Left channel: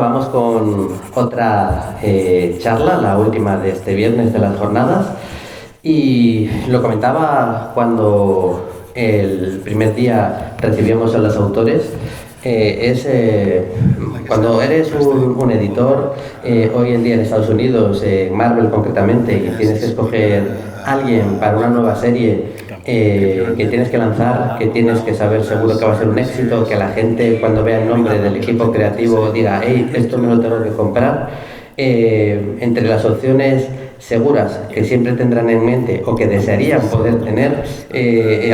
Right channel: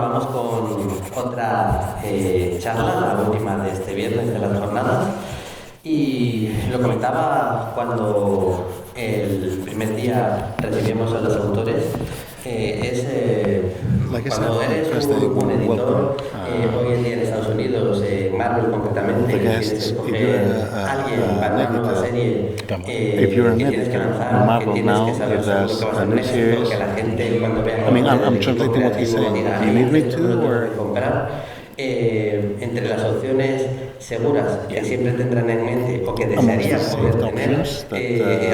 Bueno, vamos con otra charla, la última de este viernes de las jornadas. Y lo comentaba cuando el primer día recibíamos a los autores. Cuando eres un editor, hoy en día en Estados Unidos, Marvel concretamente, y tienes que escoger a alguien para una nueva serie que tienes que lanzar, que tienes que saber seguro que va a ser un éxito, que la gente cuando vea el nombre del equipo creativo diga, hey, esto me lo tengo que comprar. Entre las opciones seguras que siempre tendrán en mente o que desearían poder tener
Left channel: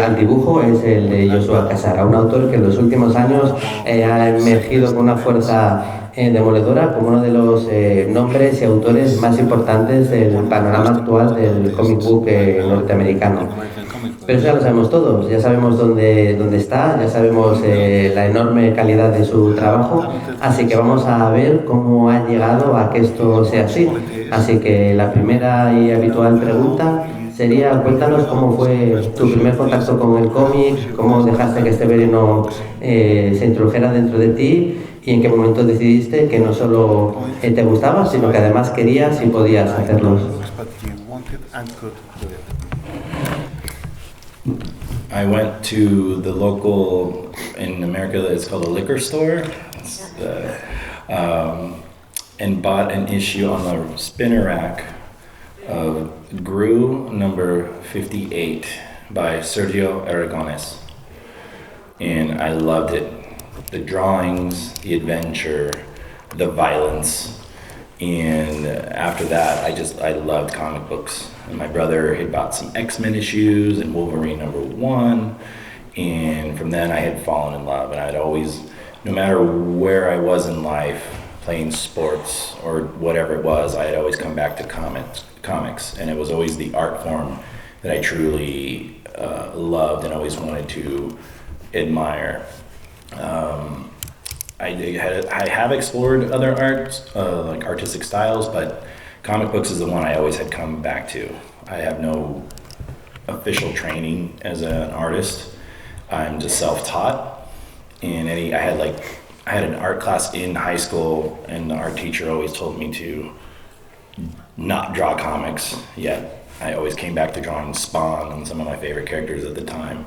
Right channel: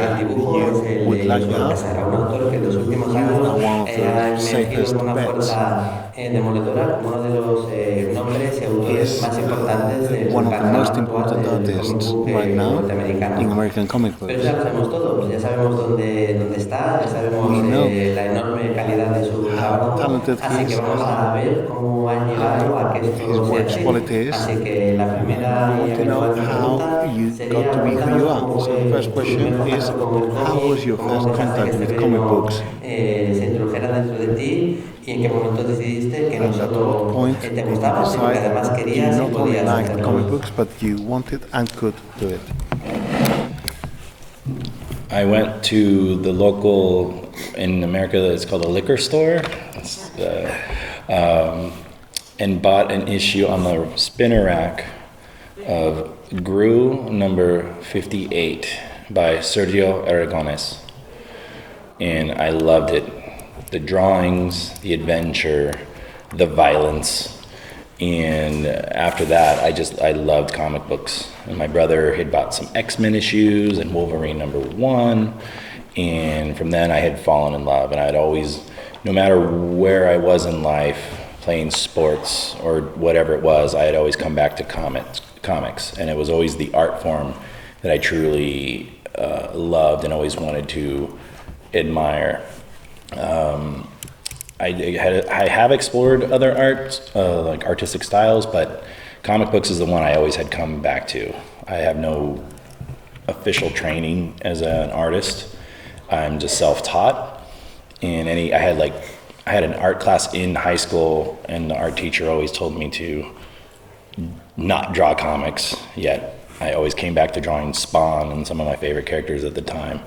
al dibujo es el de Joshua Cassara, un autor que en los últimos años ha emergido con una fuerza demoledora como uno de los nombres y autores más importantes del panorama actual del comic book norteamericano. Pero ya lo sabemos todos, ya sabemos dónde está, ya sabemos la enorme calidad de su trabajo, así que vamos a ver cómo ha llegado a que esto sea así. Así que la primera y habitual pregunta sería, cuéntanos cómo fue tu primer contacto con el cómic, cómo dejaste que este veneno se introdujera dentro de ti y en qué momento decidiste que no solo te gustaba, sino que además querías y podías hacerlo. I went to the local, in America, it's called a liquor store, and bought an issue on the spinner rack of Gru number 58 by Sergio Aragones. And I loved it. The drawings, the adventure, the violence. And after that, I loved comic books. And my brother had bought some X-Men issues and Wolverine number 1. And from then I had fallen in love. And I'd always, no matter where I was in life, playing sports or whatever it was, I had always come back to comics. And it was always the art form that I truly loved and always wanted to admire. I have explored other arts, like artistic styles, but comic books is the one I always had come back to. I have no official training as an artist. I'm just self-taught. And I had an art class in high school, and the art teacher always told me to not draw comics, yet I always came back to drawing Spawn and some of my favorite characters at the time.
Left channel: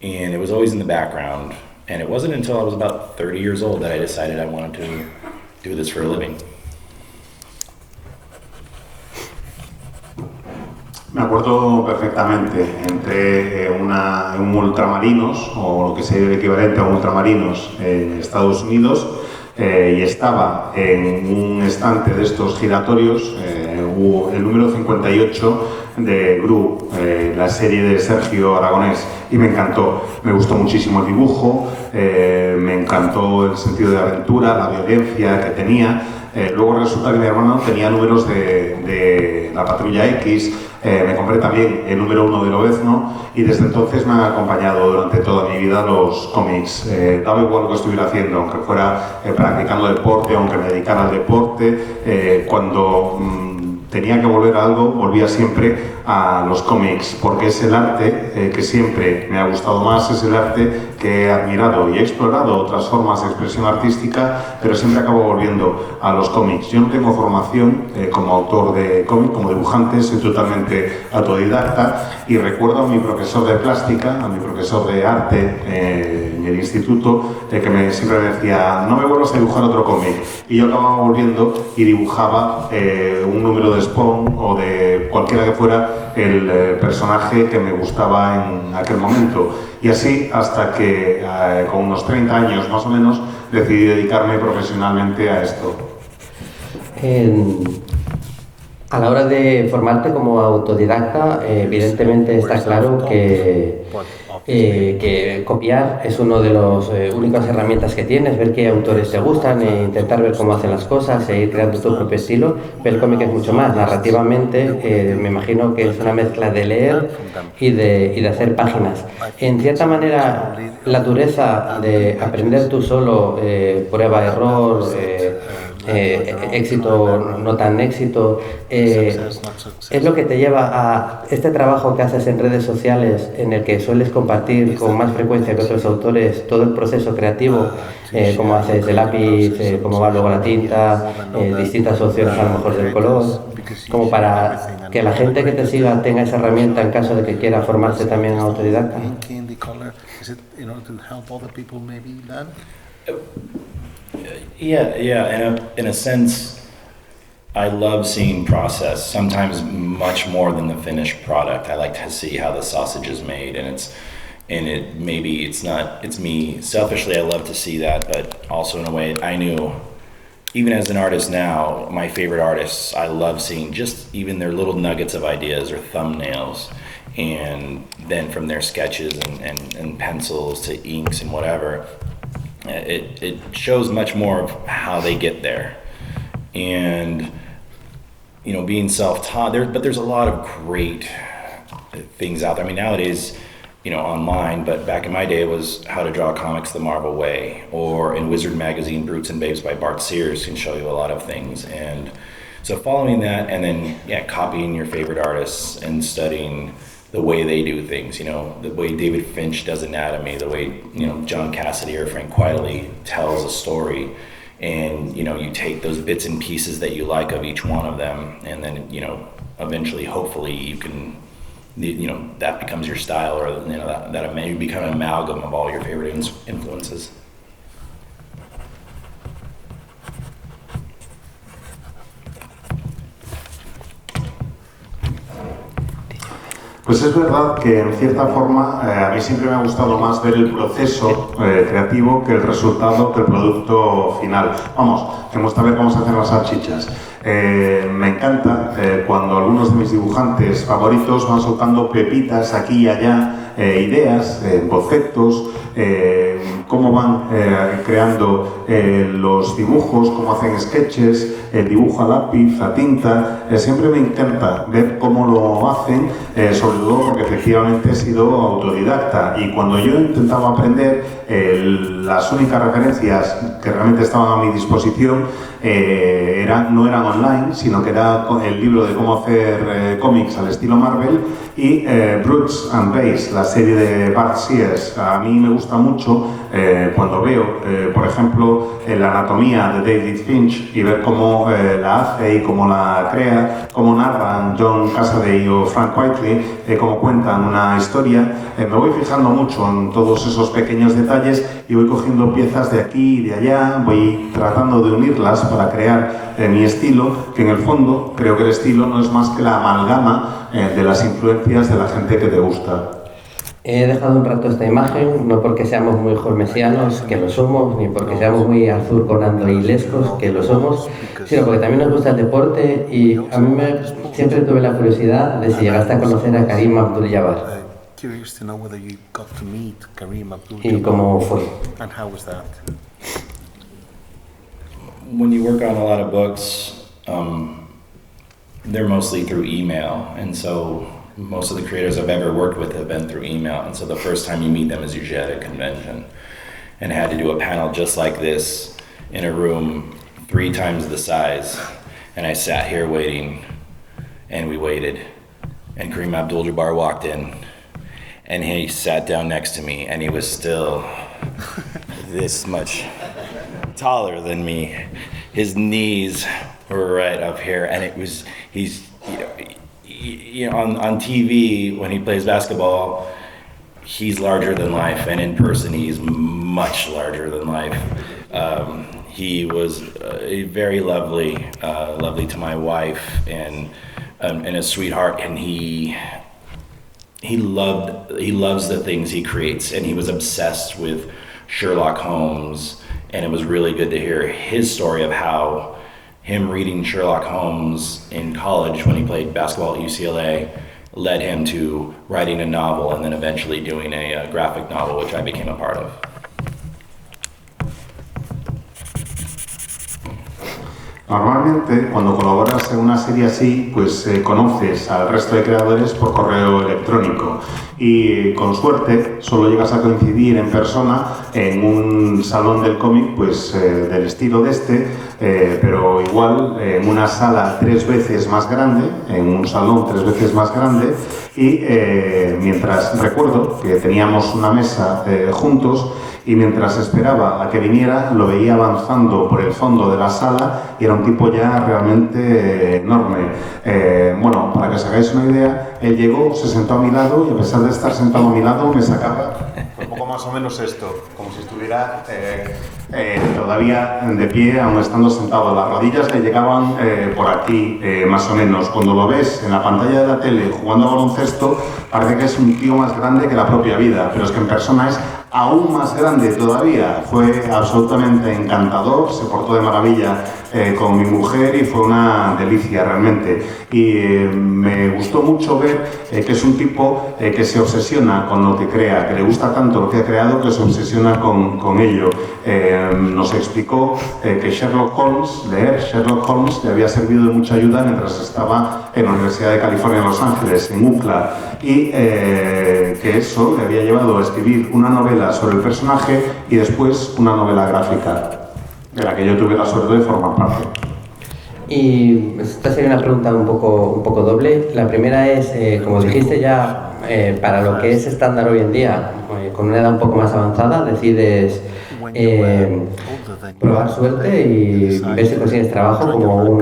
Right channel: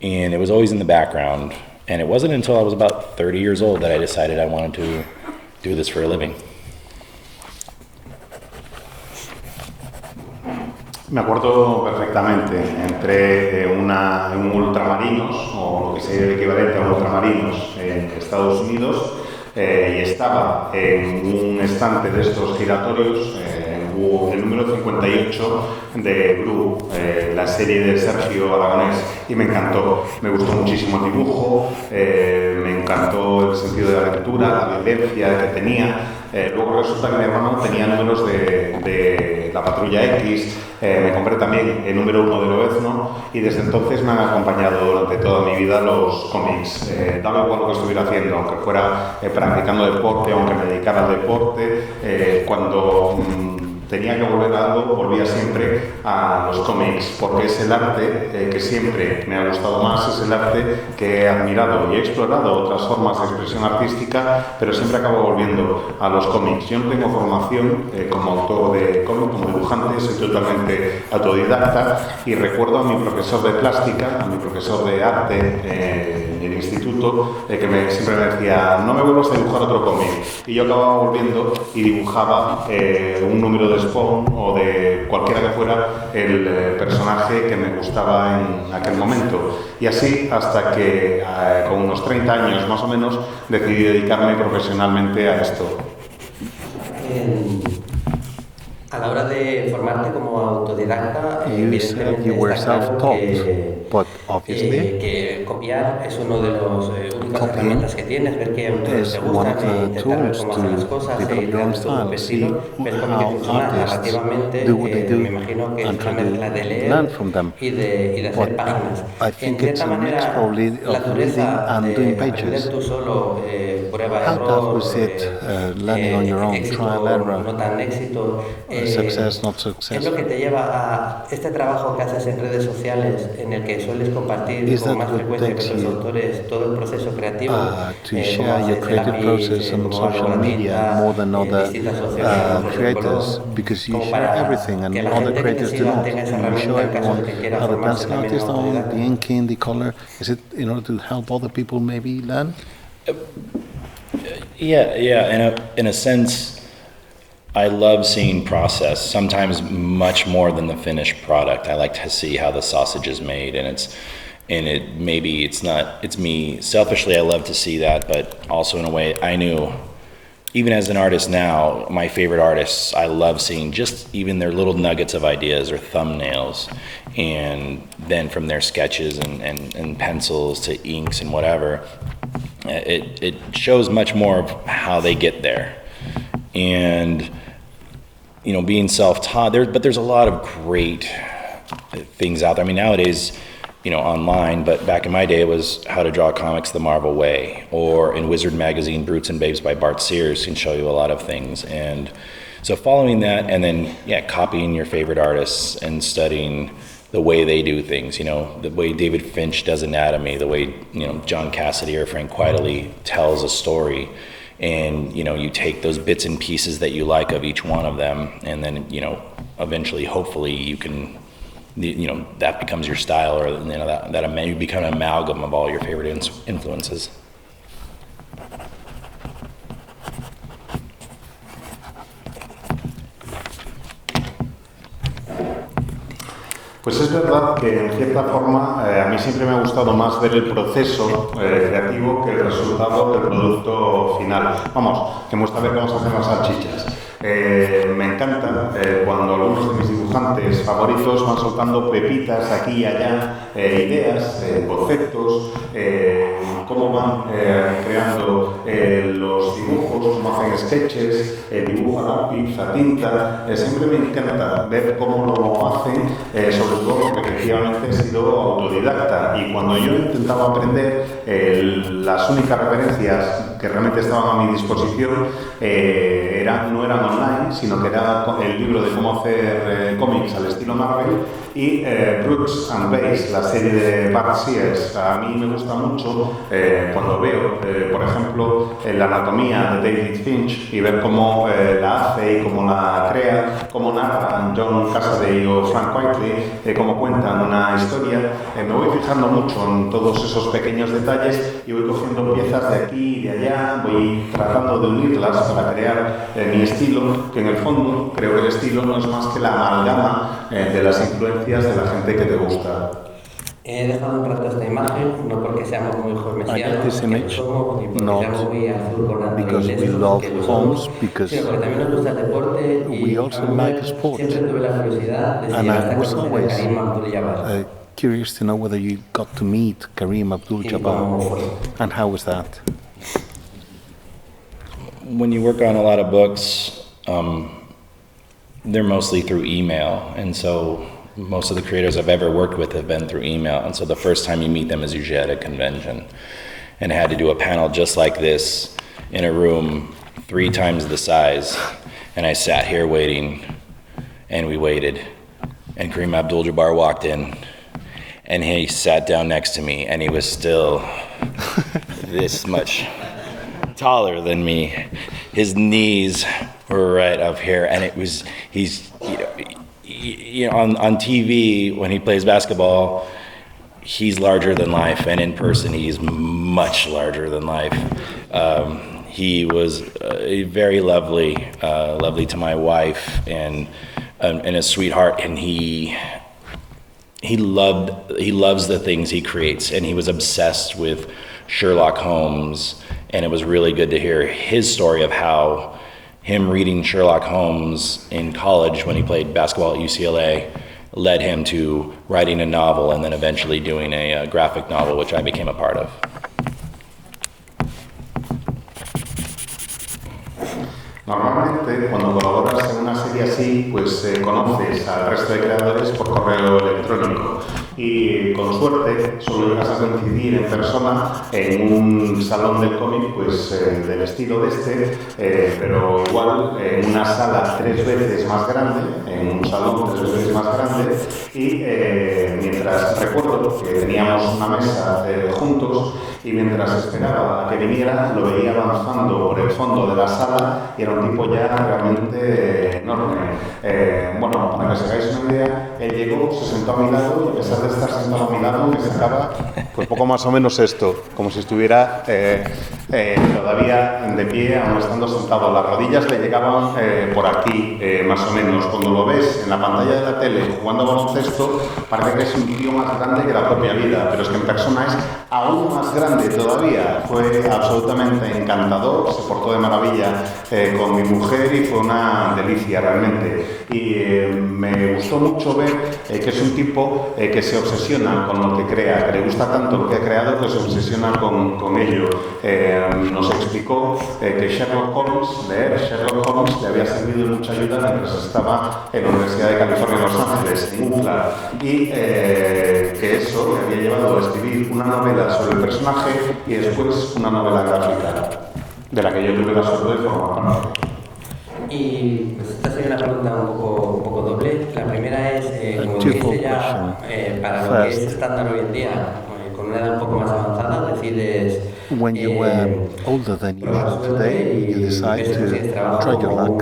And it was always in the background. And it wasn't until I was about 30 years old that I decided I wanted to do this for a living. Me acuerdo perfectamente, entré en un ultramarinos, o lo que sería el equivalente a ultramarinos en Estados Unidos, y estaba en un estante de estos giratorios, el número 58 de Blue, la serie de Sergio Aragonés, y me encantó. Me gustó muchísimo el dibujo, me encantó el sentido de la aventura, la violencia que tenía. Luego resulta que mi hermano tenía números de la Patrulla X, me compré también el número 1 de Lobezno y desde entonces me han acompañado durante toda mi vida los cómics. Daba igual lo que estuviera haciendo, aunque fuera practicando deporte, aunque me dedicara al deporte, cuando tenía que volver a algo, volvía siempre a los cómics, porque es el arte que siempre me ha gustado más, es el arte que he admirado y he explorado otras formas de expresión artística, pero siempre acabo volviendo a los cómics. Yo no tengo formación como autor de cómics, como dibujante, soy totalmente autodidacta y recuerdo a mi profesor de plástica, a mi profesor de arte en el instituto, que siempre me decía, no me vuelvas a dibujar otro cómic. Y yo acababa volviendo y dibujaba un número de Spawn o de cualquiera que fuera el personaje que me gustaba en aquel momento. Y así hasta que con unos 30 años más o menos decidí dedicarme profesionalmente a esto. A la hora de formarte como autodidacta, evidentemente está claro que copiar es una de las únicas herramientas que tienes, ver qué autores te gustan e intentar ver cómo hacen las cosas e ir creando tu propio estilo, pero el cómic es mucho más. Narrativamente, me imagino que es una mezcla de leer y de hacer páginas. En cierta manera, la dureza de aprender tú solo, prueba, error, éxito, no tan éxito, es lo que te lleva a este trabajo que haces en redes sociales, en el que sueles compartir con más frecuencia que otros autores todo el proceso creativo, cómo haces el lápiz, cómo va luego la tinta, distintas opciones a lo mejor del color, como para que la gente que te siga tenga esa herramienta en caso de que quiera formarse también en autodidacta. Yeah. In a sense, I love seeing process. Sometimes much more than the finished product. I like to see how the sausage is made, maybe it's me selfishly. I love to see that, but also in a way, I knew, even as an artist now, my favorite artists, I love seeing just even their little nuggets of ideas or thumbnails, and then from their sketches and pencils to inks and whatever. It shows much more of how they get there, and being self-taught. There's a lot of great things out there. I mean, nowadays, online, but back in my day, it was How to Draw Comics the Marvel Way, or in Wizard Magazine, Brutes and Babes by Bart Sears can show you a lot of things. And so following that, and then copying your favorite artists and studying the way they do things, the way David Finch does anatomy, the way, John Cassidy or Frank Quitely tells a story. And, you take those bits and pieces that you like of each one of them, and then, eventually, hopefully you can, that becomes your style, or, that you become an amalgam of all your favorite influences. Pues es verdad que en cierta forma a mí siempre me ha gustado más ver el proceso creativo que el resultado del producto final. Vamos, que me gusta ver cómo se hacen las salchichas. Me encanta cuando algunos de mis dibujantes favoritos van soltando pepitas aquí y allá, ideas, conceptos, cómo van creando los dibujos, cómo hacen sketches, dibujo a lápiz, a tinta. Siempre me encanta ver cómo lo hacen, sobre todo porque efectivamente he sido autodidacta, y cuando yo intentaba aprender, las únicas referencias que realmente estaban a mi disposición no eran online, sino que era el libro de cómo hacer cómics al estilo Marvel y Brutes and Babes, la serie de Bart Sears. A mí me gusta mucho cuando veo, por ejemplo, la anatomía de David Finch y ver cómo la hace y cómo la crea, cómo narran John Cassaday o Frank Quitely, cómo cuentan una historia. Me voy fijando mucho en todos esos pequeños detalles y voy cogiendo piezas de aquí y de allá, voy tratando de unirlas para crear mi estilo, que en el fondo creo que el estilo no es más que la amalgama de las influencias de la gente que te gusta. He dejado un rato esta imagen, no porque seamos muy jormesianos, que lo somos, ni porque seamos muy azulconando y lescos, que lo somos, sino porque también nos gusta el deporte, y a mí siempre tuve la curiosidad de si llegaste a conocer a Kareem Abdul-Jabbar. Curious to know whether you got to meet Kareem Abdul-Jabbar. ¿Y cómo fue? And how was that? When you work on a lot of books, they're mostly through email, and so most of the creators I've ever worked with have been through email, and so the first time you meet them is usually at a convention. And I had to do a panel just like this in a room 3 times the size, and I sat here waiting, and we waited, and Kareem Abdul-Jabbar walked in, and he sat down next to me, and he was still this much taller than me. His knees were right up here, and he's on TV when he plays basketball, he's larger than life, and in person he's much larger than life. He was very lovely to my wife, and a sweetheart, and he loves the things he creates, and he was obsessed with Sherlock Holmes, and it was really good to hear his story of how him reading Sherlock Holmes in college when he played basketball at UCLA led him to writing a novel and then eventually doing a graphic novel, which I became a part of. Normalmente, cuando colaboras en una serie así, pues conoces al resto de creadores por correo electrónico, y con suerte solo llegas a coincidir en persona en un salón del cómic, pues del estilo de este, pero igual igual en una sala 3 veces más grande, en un salón 3 veces más grande, y mientras recuerdo que teníamos una mesa juntos, y mientras esperaba a que viniera lo veía avanzando por el fondo de la sala y era un tipo ya realmente enorme. Bueno, para que os hagáis una idea, él llegó, se sentó a mi lado y a pesar de estar sentado a mi lado me sacaba pues poco más o menos esto, como si estuviera todavía de pie, aún estando sentado. Las rodillas le llegaban por aquí, más o menos. Cuando lo ves en la pantalla de la tele jugando a baloncesto, parece que es un tío más grande que la propia vida, pero es que en persona es aún más grande todavía. Fue absolutamente encantador, se portó de maravilla con mi mujer y fue una delicia realmente. Y me gustó mucho ver que es un tipo que se obsesiona con lo que crea, que le gusta tanto lo que ha creado que se obsesiona con ello. Nos explicó que Sherlock Holmes, leer Sherlock Holmes, le había servido de mucha ayuda mientras estaba en la Universidad de California en Los Ángeles, en UCLA, y que eso le había llevado a escribir una novela sobre el personaje y después una novela gráfica, de la que yo tuve la suerte de formar parte. Y esta sería una pregunta un poco doble. La primera es, como dijiste ya, para lo que es estándar hoy en día, con una edad un poco más avanzada, decides probar suerte y ver si consigues trabajo como un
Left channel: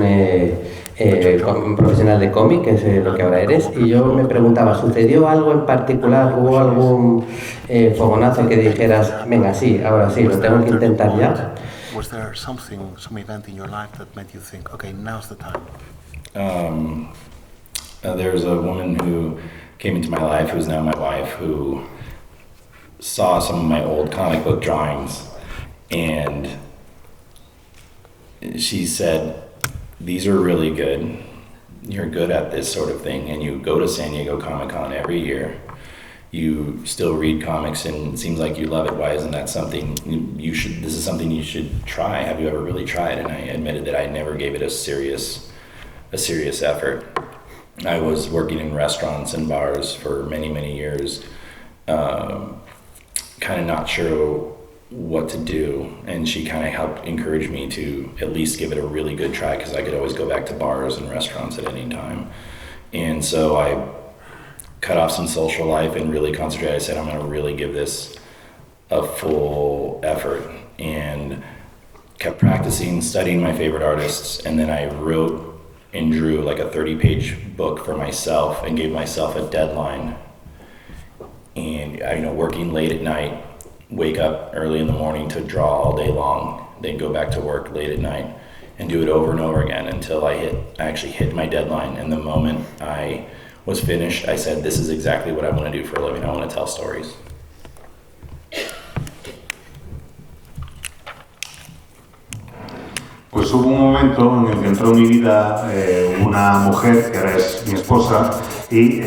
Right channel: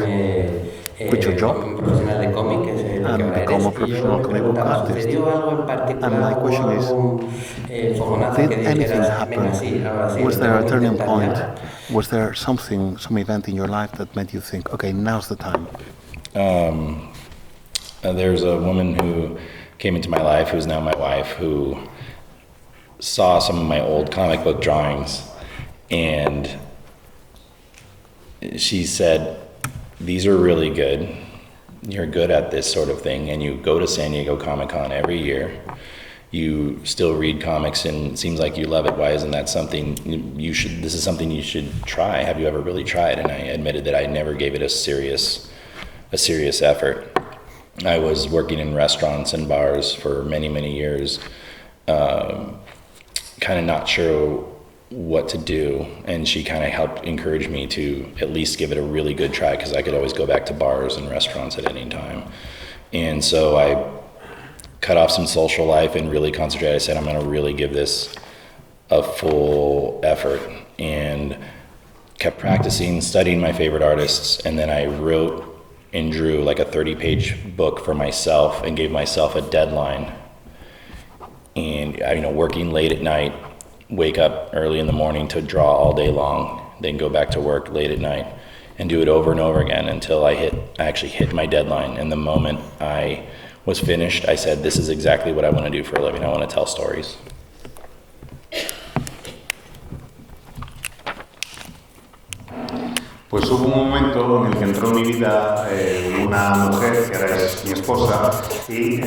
profesional de cómic, que es lo que ahora eres. Y yo me preguntaba, ¿sucedió algo en particular? ¿Hubo algún fogonazo que dijeras, venga, sí, ahora sí, lo tengo que intentar ya? Was there some event in your life that made you think, okay, now's the time? There's a woman who came into my life, who's now my wife, who saw some of my old comic book drawings, and she said, these are really good. You're good at this sort of thing, and you go to San Diego Comic-Con every year. You still read comics and it seems like you love it. Why isn't that something this is something you should try? Have you ever really tried? And I admitted that I never gave it a serious effort. I was working in restaurants and bars for many, many years, kind of not sure what to do. And she kind of helped encourage me to at least give it a really good try, because I could always go back to bars and restaurants at any time. And so I cut off some social life and really concentrate. I said, I'm going to really give this a full effort, and kept practicing, studying my favorite artists. And then I wrote and drew like a 30-page book for myself and gave myself a deadline. And, working late at night, wake up early in the morning to draw all day long, then go back to work late at night and do it over and over again until I actually hit my deadline. And the moment I was finished, I said, this is exactly what I want to do for a living. I want to tell stories. Pues hubo un momento en el que entró en mi vida una mujer que es mi esposa, y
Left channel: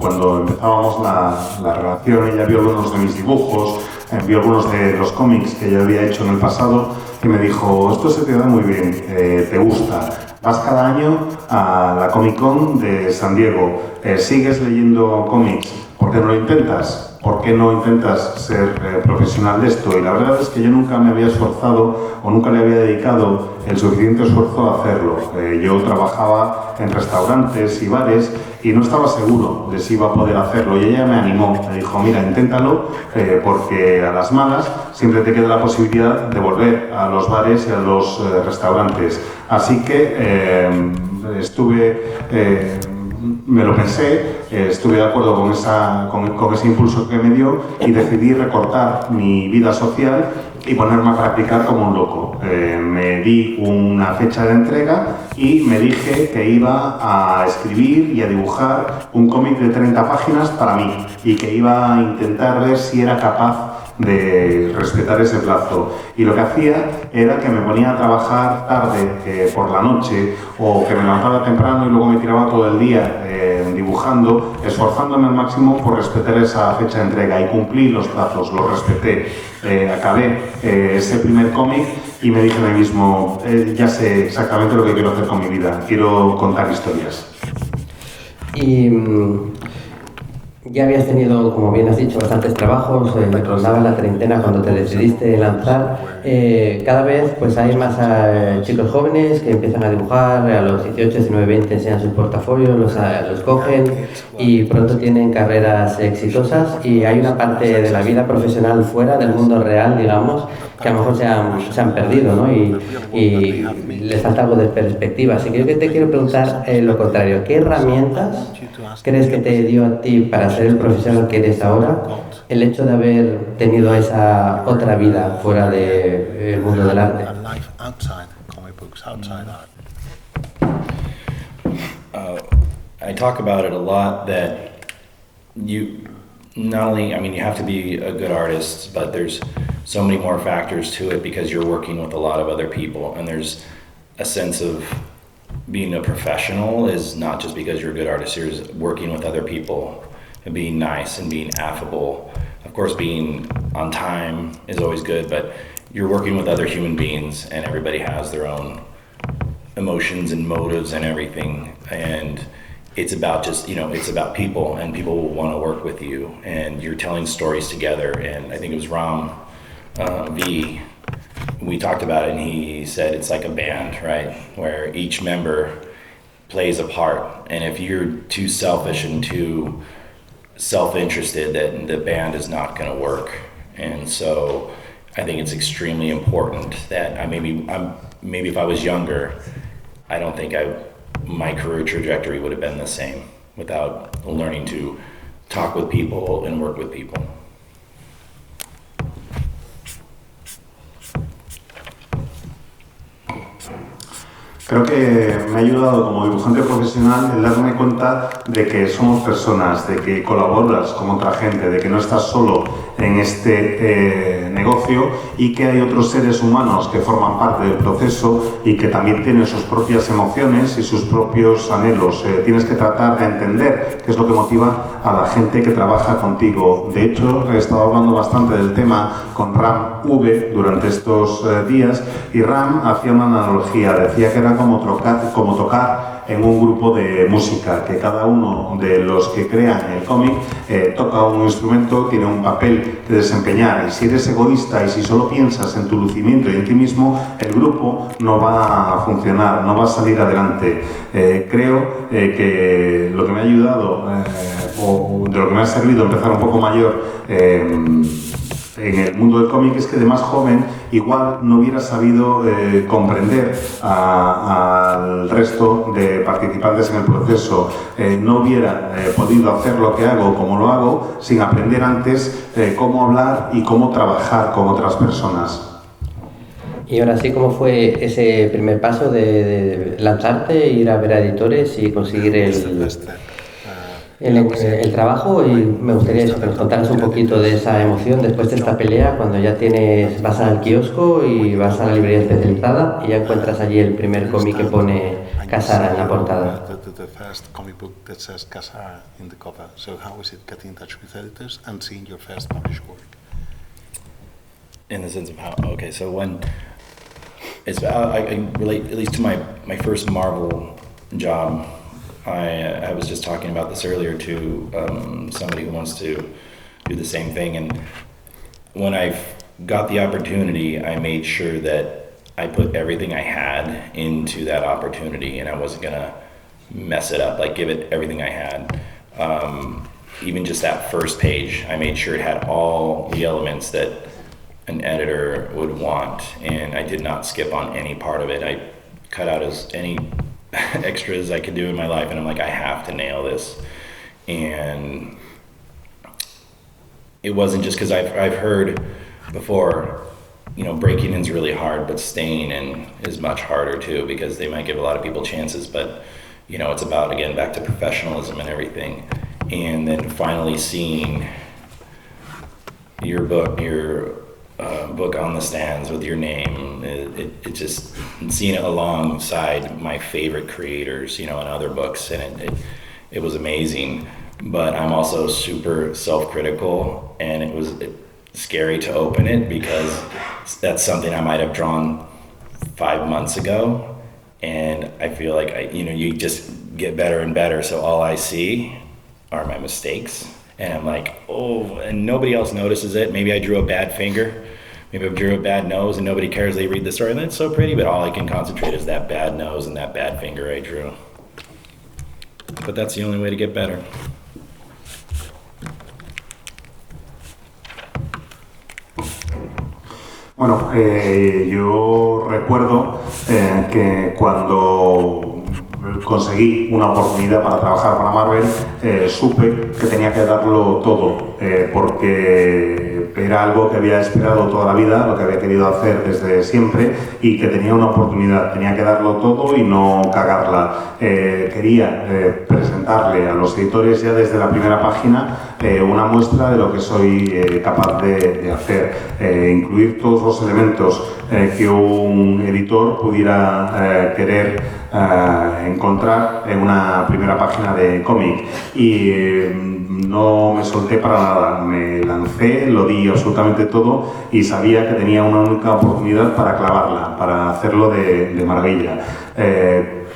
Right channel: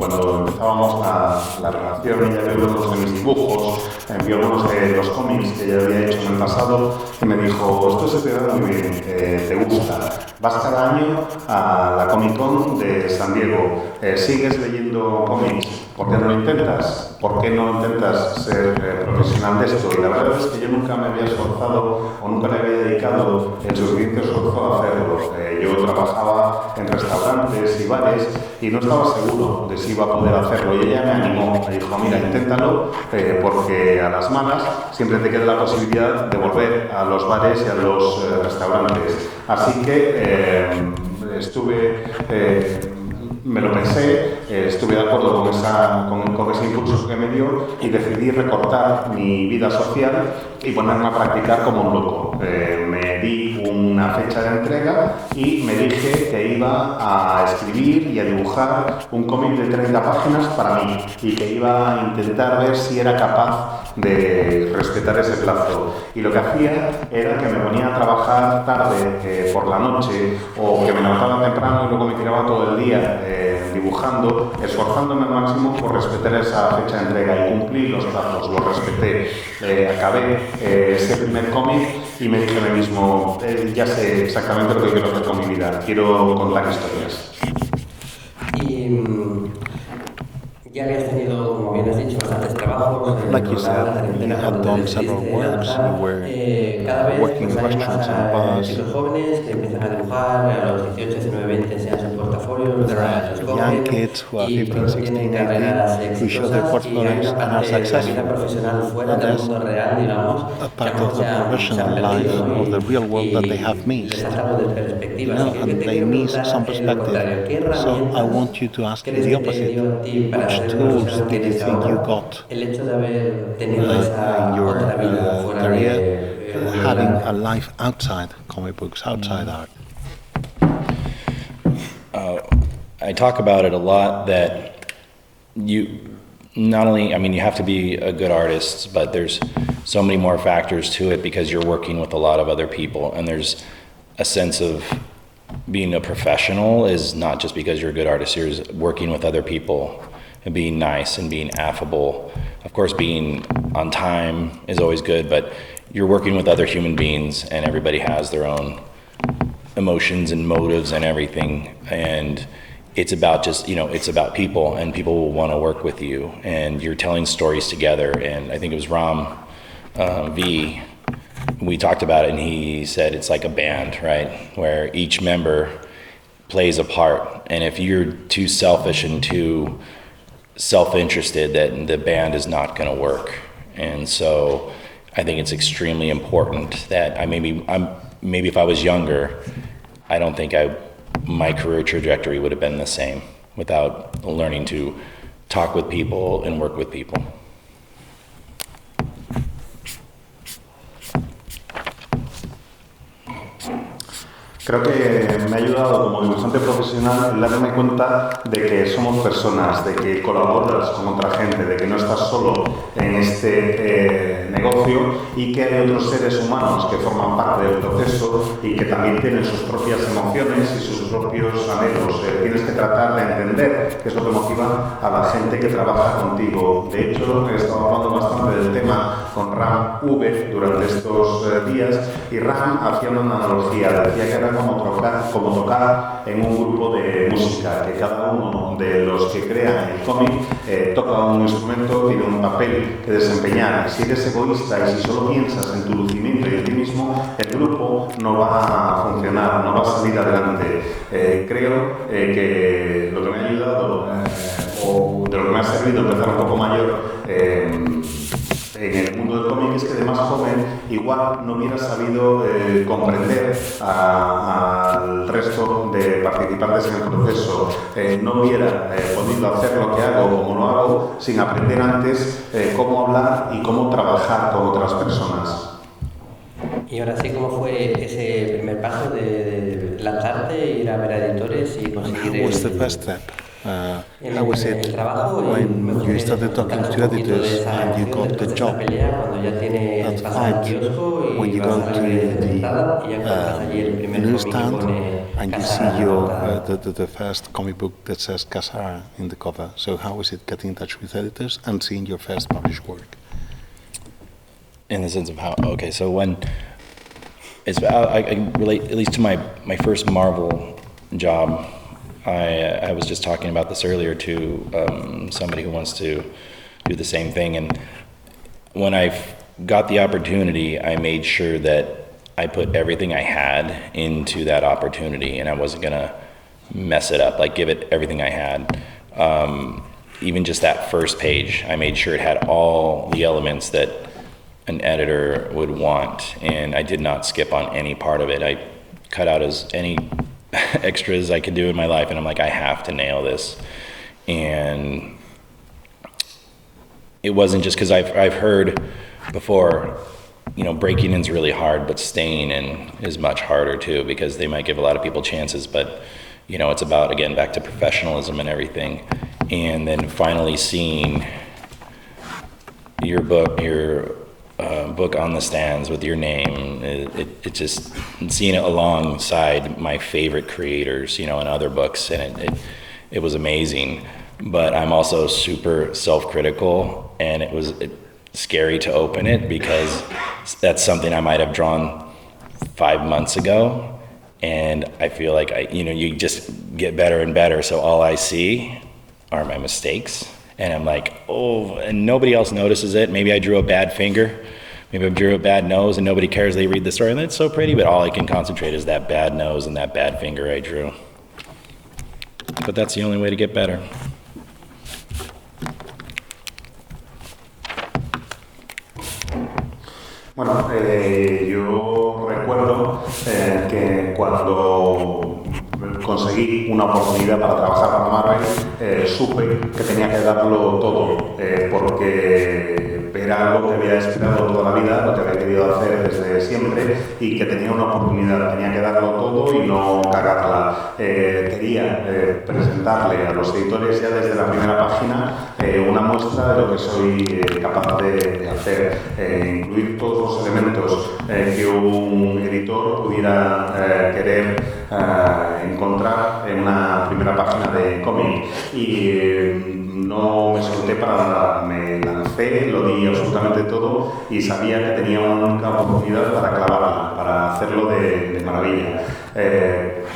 cuando empezábamos la relación, ella vio algunos de mis dibujos, vio algunos de los cómics que yo había hecho en el pasado y me dijo, esto se te da muy bien, te gusta, vas cada año a la Comic Con de San Diego, sigues leyendo cómics, ¿por qué no lo intentas? ¿Por qué no intentas ser profesional de esto? Y la verdad es que yo nunca me había esforzado o nunca le había dedicado el suficiente esfuerzo a hacerlo. Yo trabajaba en restaurantes y bares y no estaba seguro de si iba a poder hacerlo. Y ella me animó, me dijo, mira, inténtalo, porque a las malas siempre te queda la posibilidad de volver a los bares y a los restaurantes. Así que me lo pensé, estuve de acuerdo con ese impulso que me dio y decidí recortar mi vida social y ponerme a practicar como un loco. Me di una fecha de entrega y me dije que iba a escribir y a dibujar un cómic de 30 páginas para mí y que iba a intentar ver si era capaz de respetar ese plazo. Y lo que hacía era que me ponía a trabajar tarde por la noche, o que me levantaba temprano y luego me tiraba todo el día dibujando, esforzándome al máximo por respetar esa fecha de entrega, y cumplí los plazos, los respeté. Acabé ese primer cómic y me dije a mí mismo, ya sé exactamente lo que quiero hacer con mi vida, quiero contar historias. Y Ya habías tenido, como bien has dicho, bastantes trabajos, rondaba la treintena cuando te decidiste lanzar. Cada vez pues hay más chicos jóvenes que empiezan a dibujar, a los 18, 19, 20 enseñan sus portafolios, los cogen y pronto tienen carreras exitosas, y hay una parte de la vida profesional fuera del mundo real, digamos, que a lo mejor se han perdido, ¿no? Y les falta algo de perspectiva. Así que yo te quiero preguntar lo contrario. ¿Qué herramientas crees que te dio a ti para ser el profesional que eres ahora el hecho de haber tenido esa otra vida fuera del mundo del arte? I talk about it a lot, that you not only, I mean, you have to be a good artist, but there's so many more factors to it because you're working with a lot of other people, and there's a sense of being a professional is not just because you're a good artist, you're working with other people and being nice and being affable. Of course, being on time is always good, but you're working with other human beings, and everybody has their own emotions and motives and everything. And it's about just, it's about people, and people will want to work with you, and you're telling stories together. And I think it was Ram V, we talked about it, and he said it's like a band, right? Where each member plays a part. And if you're too selfish and too self-interested, that the band is not going to work. And so I think it's extremely important that maybe if I was younger, I don't think my career trajectory would have been the same without learning to talk with people and work with people. Creo que me ha ayudado como dibujante profesional el darme cuenta de que somos personas, de que colaboras con otra gente, de que no estás solo en este negocio, y que hay otros seres humanos que forman parte del proceso y que también tienen sus propias emociones y sus propios anhelos. Tienes que tratar de entender qué es lo que motiva a la gente que trabaja contigo. De hecho, he estado hablando bastante del tema con Ram V durante estos días, y Ram hacía una analogía, decía que era como tocar en un grupo de música, que cada uno de los que crean el cómic toca un instrumento, tiene un papel que desempeñar, y si eres egoísta y si solo piensas en tu lucimiento y en ti mismo, el grupo no va a funcionar, no va a salir adelante. Creo que lo que me ha ayudado, o de lo que me ha servido empezar un poco mayor en el mundo del cómic, es que de más joven igual no hubiera sabido comprender al resto de participantes en el proceso, no hubiera podido hacer lo que hago como lo hago sin aprender antes cómo hablar y cómo trabajar con otras personas. Y ahora sí, ¿cómo fue ese primer paso de lanzarte, ir a ver a editores y conseguir el trabajo? Y me gustaría que nos contaras un poquito de esa emoción después de esta pelea, cuando ya vas al kiosco y vas a la librería especializada y ya encuentras allí el primer cómic que pone Casara en la portada. The first comic book that says Casara in the cover. So how is it getting in touch with editors and seeing your first published work? In the sense of how, okay, so when I can relate at least to my first Marvel job. I was just talking about this earlier to somebody who wants to do the same thing, and when I got the opportunity, I made sure that I put everything I had into that opportunity, and I wasn't gonna mess it up, like give it everything I had. Even just that first page, I made sure it had all the elements that an editor would want, and I did not skip on any part of it. I cut out as any extras I could do in my life, and I'm like, I have to nail this. And it wasn't just because I've heard before, breaking in's really hard, but staying in is much harder too, because they might give a lot of people chances, but it's about, again, back to professionalism and everything. And then finally seeing your book on the stands with your name, it just, seeing it alongside my favorite creators, in other books, and it was amazing. But I'm also super self-critical, and it was scary to open it because that's something I might have drawn 5 months ago, and I feel like you just get better and better, so all I see are my mistakes, And I'm like, oh, and nobody else notices it. Maybe I drew a bad finger. Maybe I drew a bad nose and nobody cares. They read the story and it's so pretty, but all I can concentrate is that bad nose and that bad finger I drew. But that's the only way to get better. Bueno, yo recuerdo que cuando conseguí una oportunidad para trabajar para Marvel, supe que tenía que darlo todo, porque era algo que había esperado toda la vida, lo que había querido hacer desde siempre y que tenía una oportunidad, tenía que darlo todo y no cagarla. Quería presentarle a los editores ya desde la primera página una muestra de lo que soy capaz de hacer, incluir todos los elementos que un editor pudiera querer encontrar en una primera página de cómic. Y no me solté para nada, me lancé, lo di absolutamente todo y sabía que tenía una única oportunidad para clavarla, para hacerlo de maravilla.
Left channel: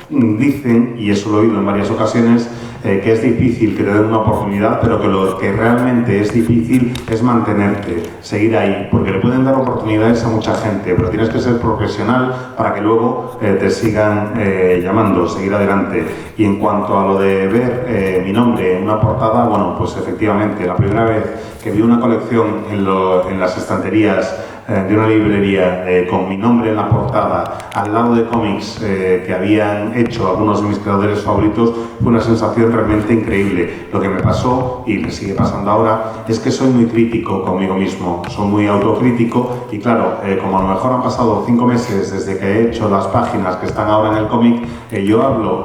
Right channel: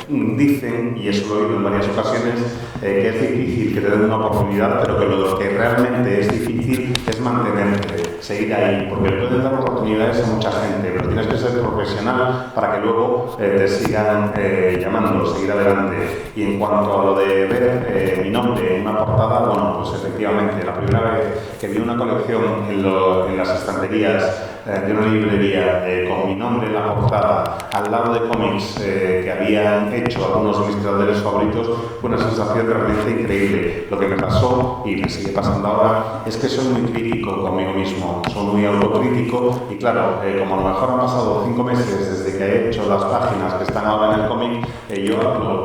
Dicen, y eso lo he oído en varias ocasiones, que es difícil que te den una oportunidad, pero que lo que realmente es difícil es mantenerte, seguir ahí, porque le pueden dar oportunidades a mucha gente, pero tienes que ser profesional para que luego te sigan llamando, seguir adelante. Y en cuanto a lo de ver mi nombre en una portada, bueno, pues efectivamente, la primera vez que vi una colección en las estanterías de una librería con mi nombre en la portada, al lado de cómics que habían hecho algunos de mis creadores favoritos, fue una sensación realmente increíble. Lo que me pasó, y me sigue pasando ahora, es que soy muy crítico conmigo mismo, soy muy autocrítico y claro, como a lo mejor han pasado 5 meses desde que he hecho las páginas que están ahora en el cómic, yo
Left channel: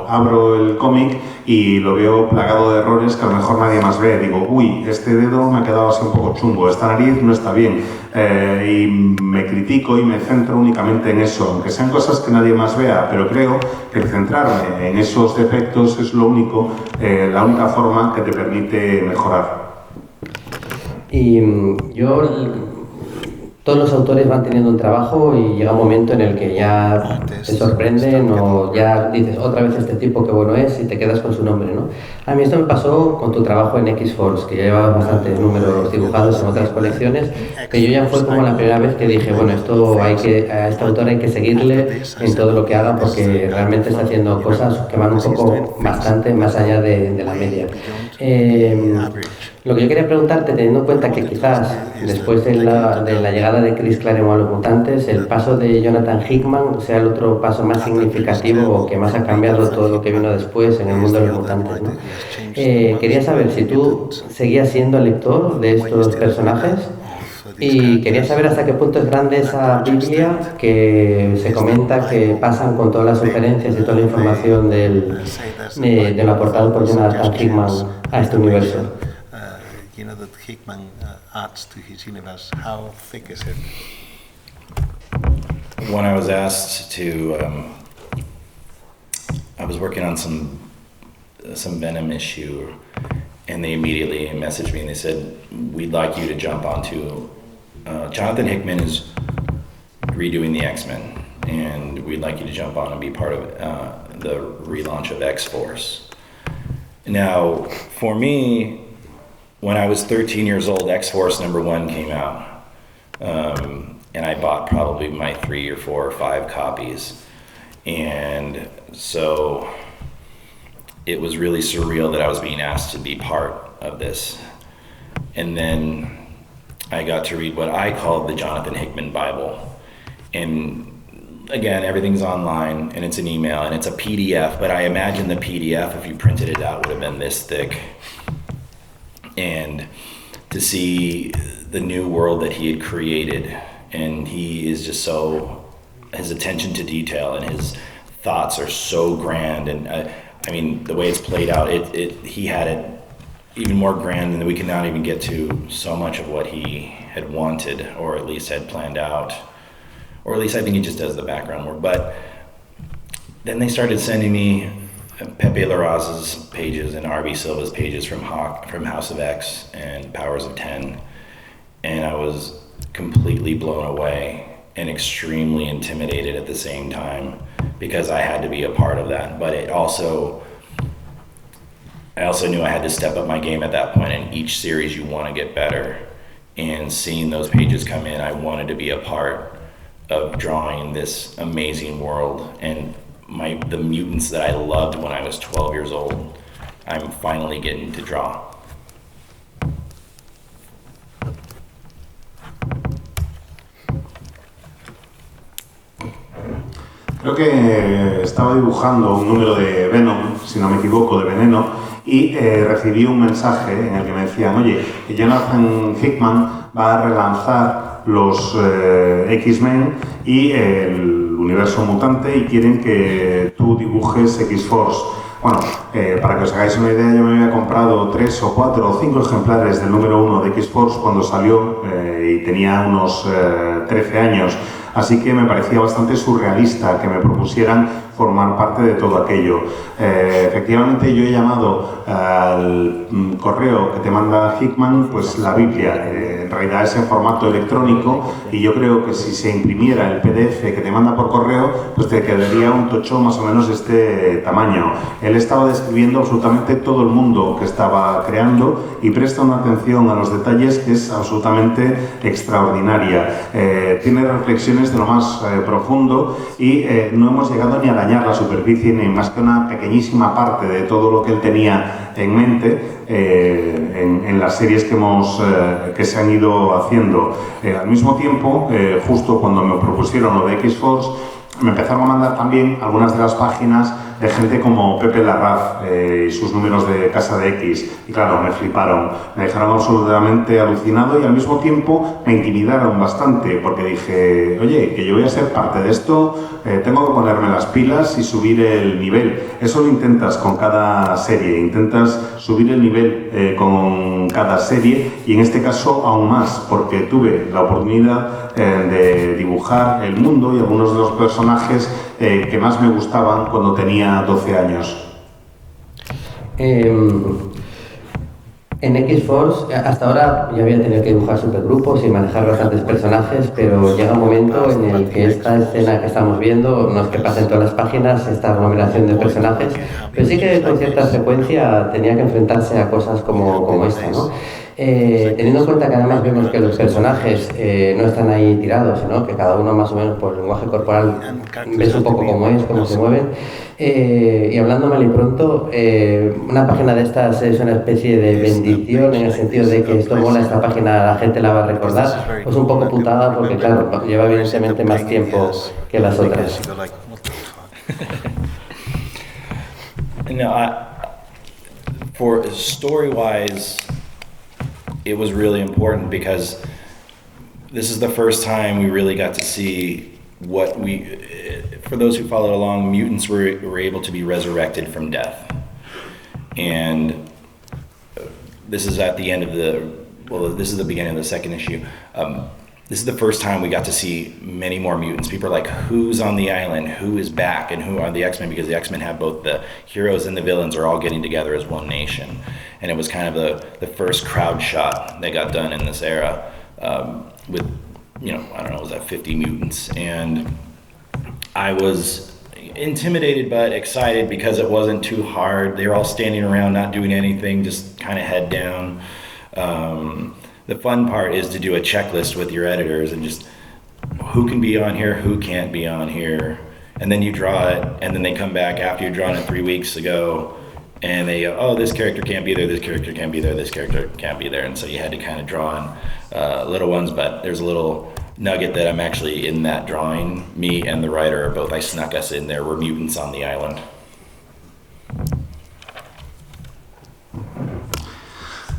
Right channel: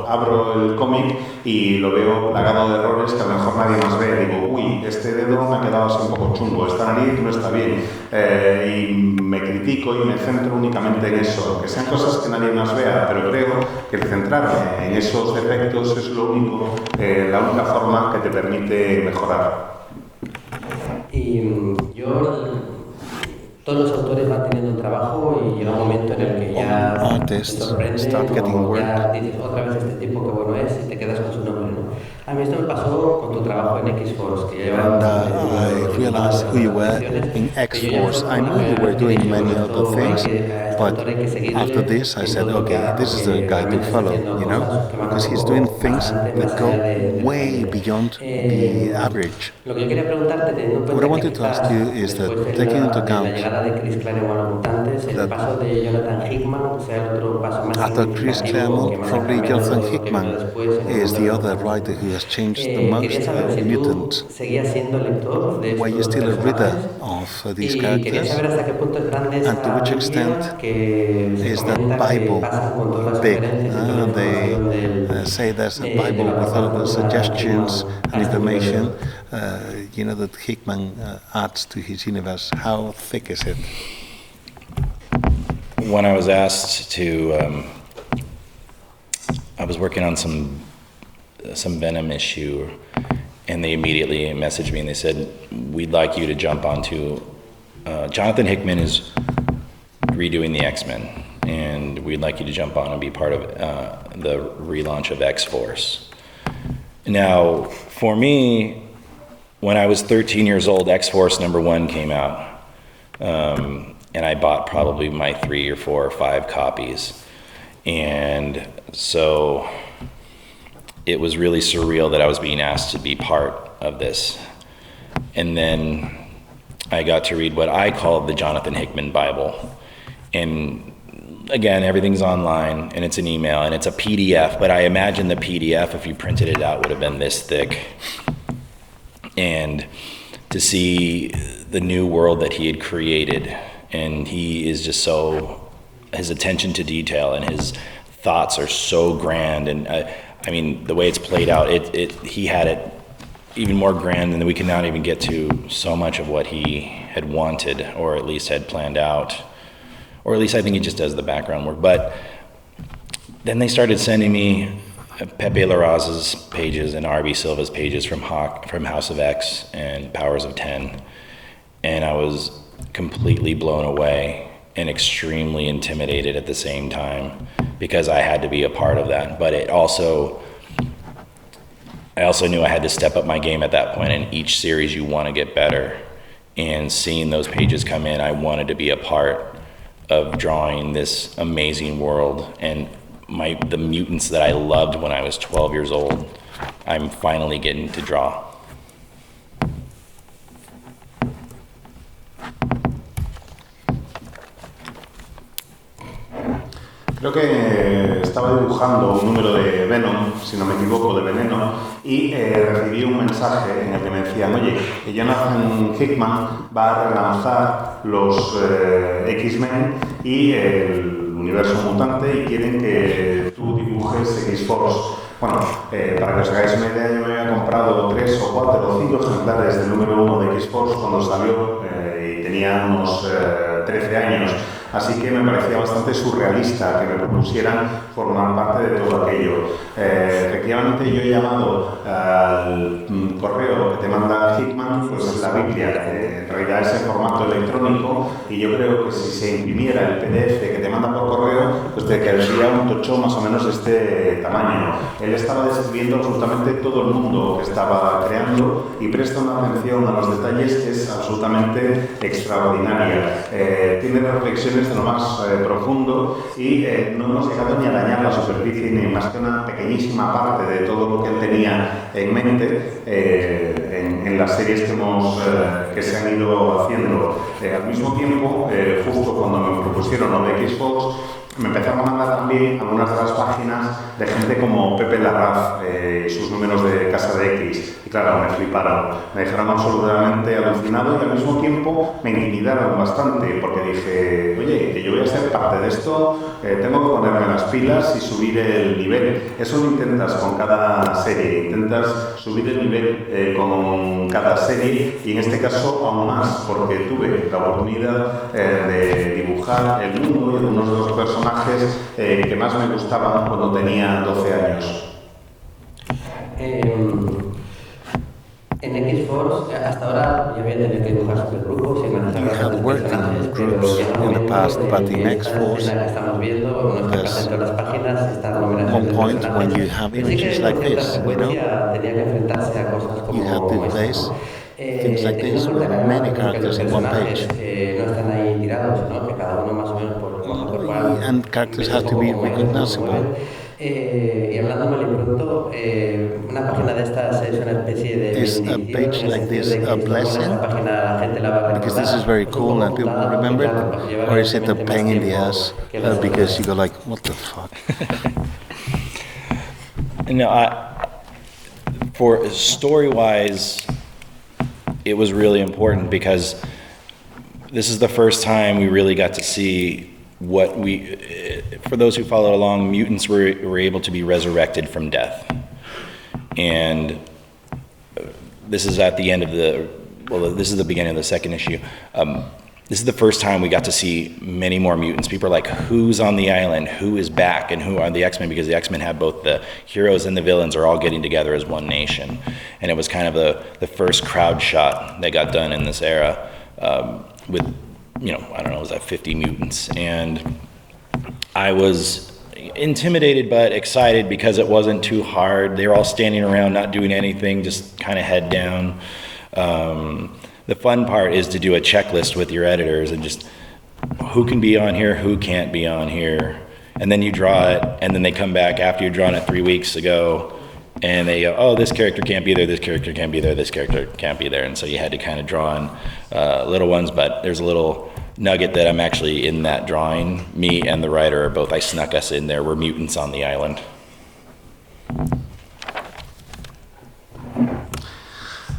abro el cómic y lo veo plagado de errores que a lo mejor nadie más ve. Digo, uy, este dedo me ha quedado así un poco chungo, esta nariz no está bien. Y me critico y me centro únicamente en eso, aunque sean cosas que nadie más vea, pero creo que el centrarme en esos defectos es lo único, la única forma que te permite mejorar. Y todos los autores van teniendo un trabajo y llega un momento en el que ya te sorprenden o ya dices otra vez este tipo que bueno es y te quedas con su nombre, ¿no? A mí esto me pasó con tu trabajo en X-Force, que ya llevaba bastantes números dibujados en otras colecciones, que yo ya fue como la primera vez que dije, bueno, a este autor hay que seguirle en todo lo que haga porque realmente está haciendo cosas que van un poco bastante más allá de la media. Lo que yo quería preguntarte, teniendo en cuenta que quizás después de la llegada de Chris Claremont a los mutantes, el paso de Jonathan Hickman sea el otro paso más significativo que más ha cambiado todo lo que vino después en el mundo de los mutantes, ¿no? Quería saber si tú seguías siendo lector de estos personajes y quería saber hasta qué punto es grande esa Biblia que se comenta que pasan con todas las sugerencias y toda la información de lo aportado por Jonathan Hickman a este universo. That Hickman adds to his universe. How thick is it? When I was asked to, I was working on some Venom issue, and they immediately messaged me and they said, "We'd like you to jump onto." Jonathan Hickman is redoing the X-Men, and we'd like you to jump on and be part of the relaunch of X-Force. Now, for me, when I was 13 years old, X-Force #1 came out, and I bought probably my 3 or 4 or 5 copies. And so it was really surreal that I was being asked to be part of this. And then I got to read what I called the Jonathan Hickman Bible. And again, everything's online, and it's an email, and it's a PDF, but I imagine the PDF, if you printed it out, would have been this thick. And to see the new world that he had created, and he is just his attention to detail and his thoughts are so grand, and I mean the way it's played out, he had it even more grand, and we can not even get to so much of what he had wanted, or at least had planned out, or at least I think he just does the background work. But then they started sending me Pepe Larraz's pages and R.B. Silva's pages from House of X and Powers of 10, and I was completely blown away and extremely intimidated at the same time because I had to be a part of that. But it also I also knew I had to step up my game at that point. In each series, you want to get better. And seeing those pages come in, I wanted to be a part of drawing this amazing world. And the mutants that I loved when I was 12 years old, I'm finally getting to draw. Creo que estaba dibujando un número de Venom, si no me equivoco, de Veneno, y recibí un mensaje en el que me decían, oye, Jonathan Hickman va a relanzar los X-Men y el universo mutante y quieren que tú dibujes X-Force. Bueno, para que os hagáis una idea, yo me había comprado 3 o 4 o 5 ejemplares del número 1 de X-Force cuando salió y tenía unos 13 años. Así que me parecía bastante surrealista que me propusieran formar parte de todo aquello. Efectivamente, yo he llamado al correo que te manda Hickman, pues la Biblia. En realidad es en formato electrónico y yo creo que si se imprimiera el PDF que te manda por correo, pues te quedaría un tocho más o menos de este tamaño. Él estaba describiendo absolutamente todo el mundo que estaba creando y presta una atención a los detalles que es absolutamente extraordinaria. Tiene reflexiones de lo más profundo y no hemos llegado ni a dañar la superficie ni más que una pequeñísima parte de todo lo que él tenía en mente en las series que se han ido haciendo. Al mismo tiempo, justo cuando me propusieron lo de X-Force, me empezaron a mandar también algunas de las páginas de gente como Pepe Larraz y sus números de Casa de X. Y claro, me fliparon, me dejaron absolutamente alucinado y al mismo tiempo me intimidaron bastante porque dije, oye, que yo voy a ser parte de esto, tengo que ponerme las pilas y subir el nivel. Eso lo intentas con cada serie, intentas subir el nivel con cada serie y en este caso aún más porque tuve la oportunidad de dibujar el mundo y algunos de los personajes que más me gustaban cuando tenía 12 años. En X-Force, hasta ahora yo había tenido que dibujar supergrupos y manejar bastantes personajes, pero llega un momento en el que esta escena que estamos viendo, no es que pasen todas las páginas, esta aglomeración de personajes, pero sí que con cierta frecuencia tenía que enfrentarse a cosas como esta, ¿no? Teniendo en cuenta que además vemos que los personajes no están ahí tirados, sino que cada uno más o menos por el lenguaje corporal ves un poco cómo es, cómo se mueven. Y hablando mal y pronto, una página de estas es una especie de bendición en el sentido de que esto mola, esta página la gente la va a recordar, pues un poco putada porque claro, lleva evidentemente más tiempo que las otras. No, for story-wise, it was really important because this is the first time we really got to see what for those who followed along, mutants were able to be resurrected from death. And this is at the end of this is the beginning of the second issue. This is the first time we got to see many more mutants. People are like, who's on the island? Who is back? And who are the X-Men? Because the X-Men have both the heroes and the villains are all getting together as one nation. And it was kind of the first crowd shot that got done in this era with, I don't know, was that 50 mutants? And I was intimidated but excited because it wasn't too hard. They were all standing around, not doing anything, just kind of head down. The fun part is to do a checklist with your editors and just who can be on here, who can't be on here. And then you draw it, and then they come back after you've drawn it 3 weeks ago, and they go, oh, this character can't be there, this character can't be there, this character can't be there. And so you had to kind of draw in little ones, but there's a little nugget that I'm actually in that drawing. Me and the writer are both, I snuck us in there, we're mutants on the island.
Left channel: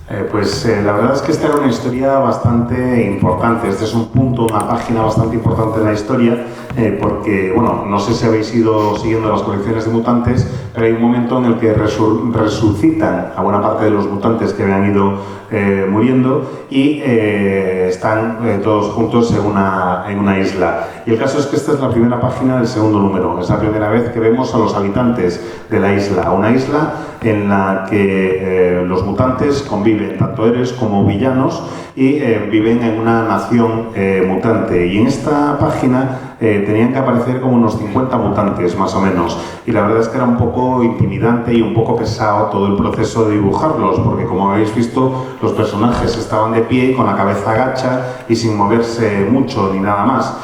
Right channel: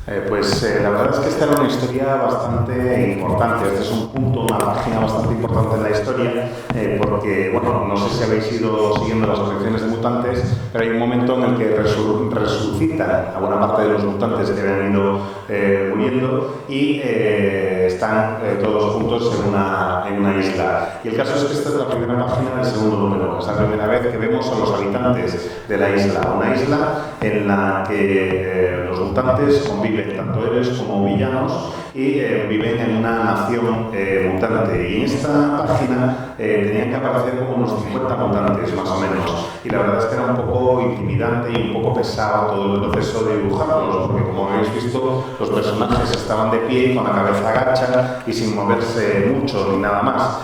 La verdad es que esta era una historia bastante importante. Este es un punto, una página bastante importante de la historia, porque, bueno, no sé si habéis ido siguiendo las colecciones de mutantes, pero hay un momento en el que resucitan a buena parte de los mutantes que habían ido muriendo y están todos juntos en una isla. Y el caso es que esta es la primera página del segundo número. Es la primera vez que vemos a los habitantes de la isla. Una isla en la que los mutantes conviven, tanto héroes como villanos, y viven en una nación mutante. Y en esta página tenían que aparecer como unos 50 mutantes, más o menos. Y la verdad es que era un poco intimidante y un poco pesado todo el proceso de dibujarlos, porque como habéis visto, los personajes estaban de pie, con la cabeza agacha y sin moverse mucho ni nada más.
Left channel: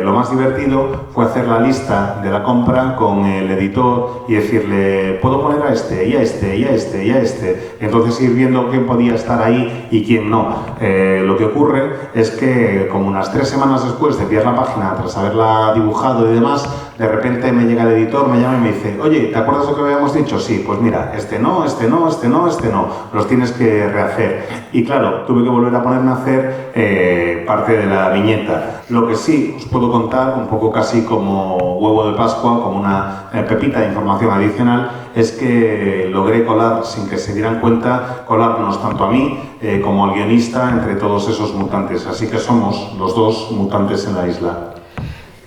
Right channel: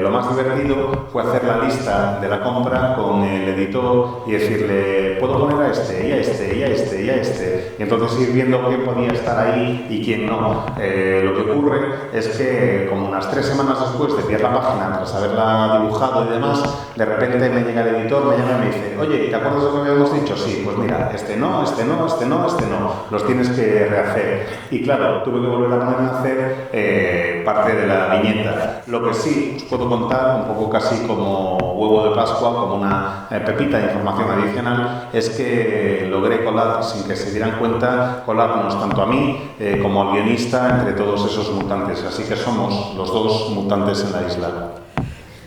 Lo más divertido fue hacer la lista de la compra con el editor y decirle, puedo poner a este, y a este, y a este, y a este. Entonces ir viendo quién podía estar ahí y quién no. Lo que ocurre es que como unas 3 semanas después de enviar la página tras haberla dibujado y demás, de repente me llega el editor, me llama y me dice, oye, ¿te acuerdas lo que habíamos dicho? Sí, pues mira, este no, este no, este no, este no, los tienes que rehacer. Y claro, tuve que volver a ponerme a hacer parte de la viñeta. Lo que sí os puedo contar, un poco casi como huevo de Pascua, como una pepita de información adicional, es que logré colar, sin que se dieran cuenta, colarnos tanto a mí como al guionista entre todos esos mutantes. Así que somos los dos mutantes en la isla.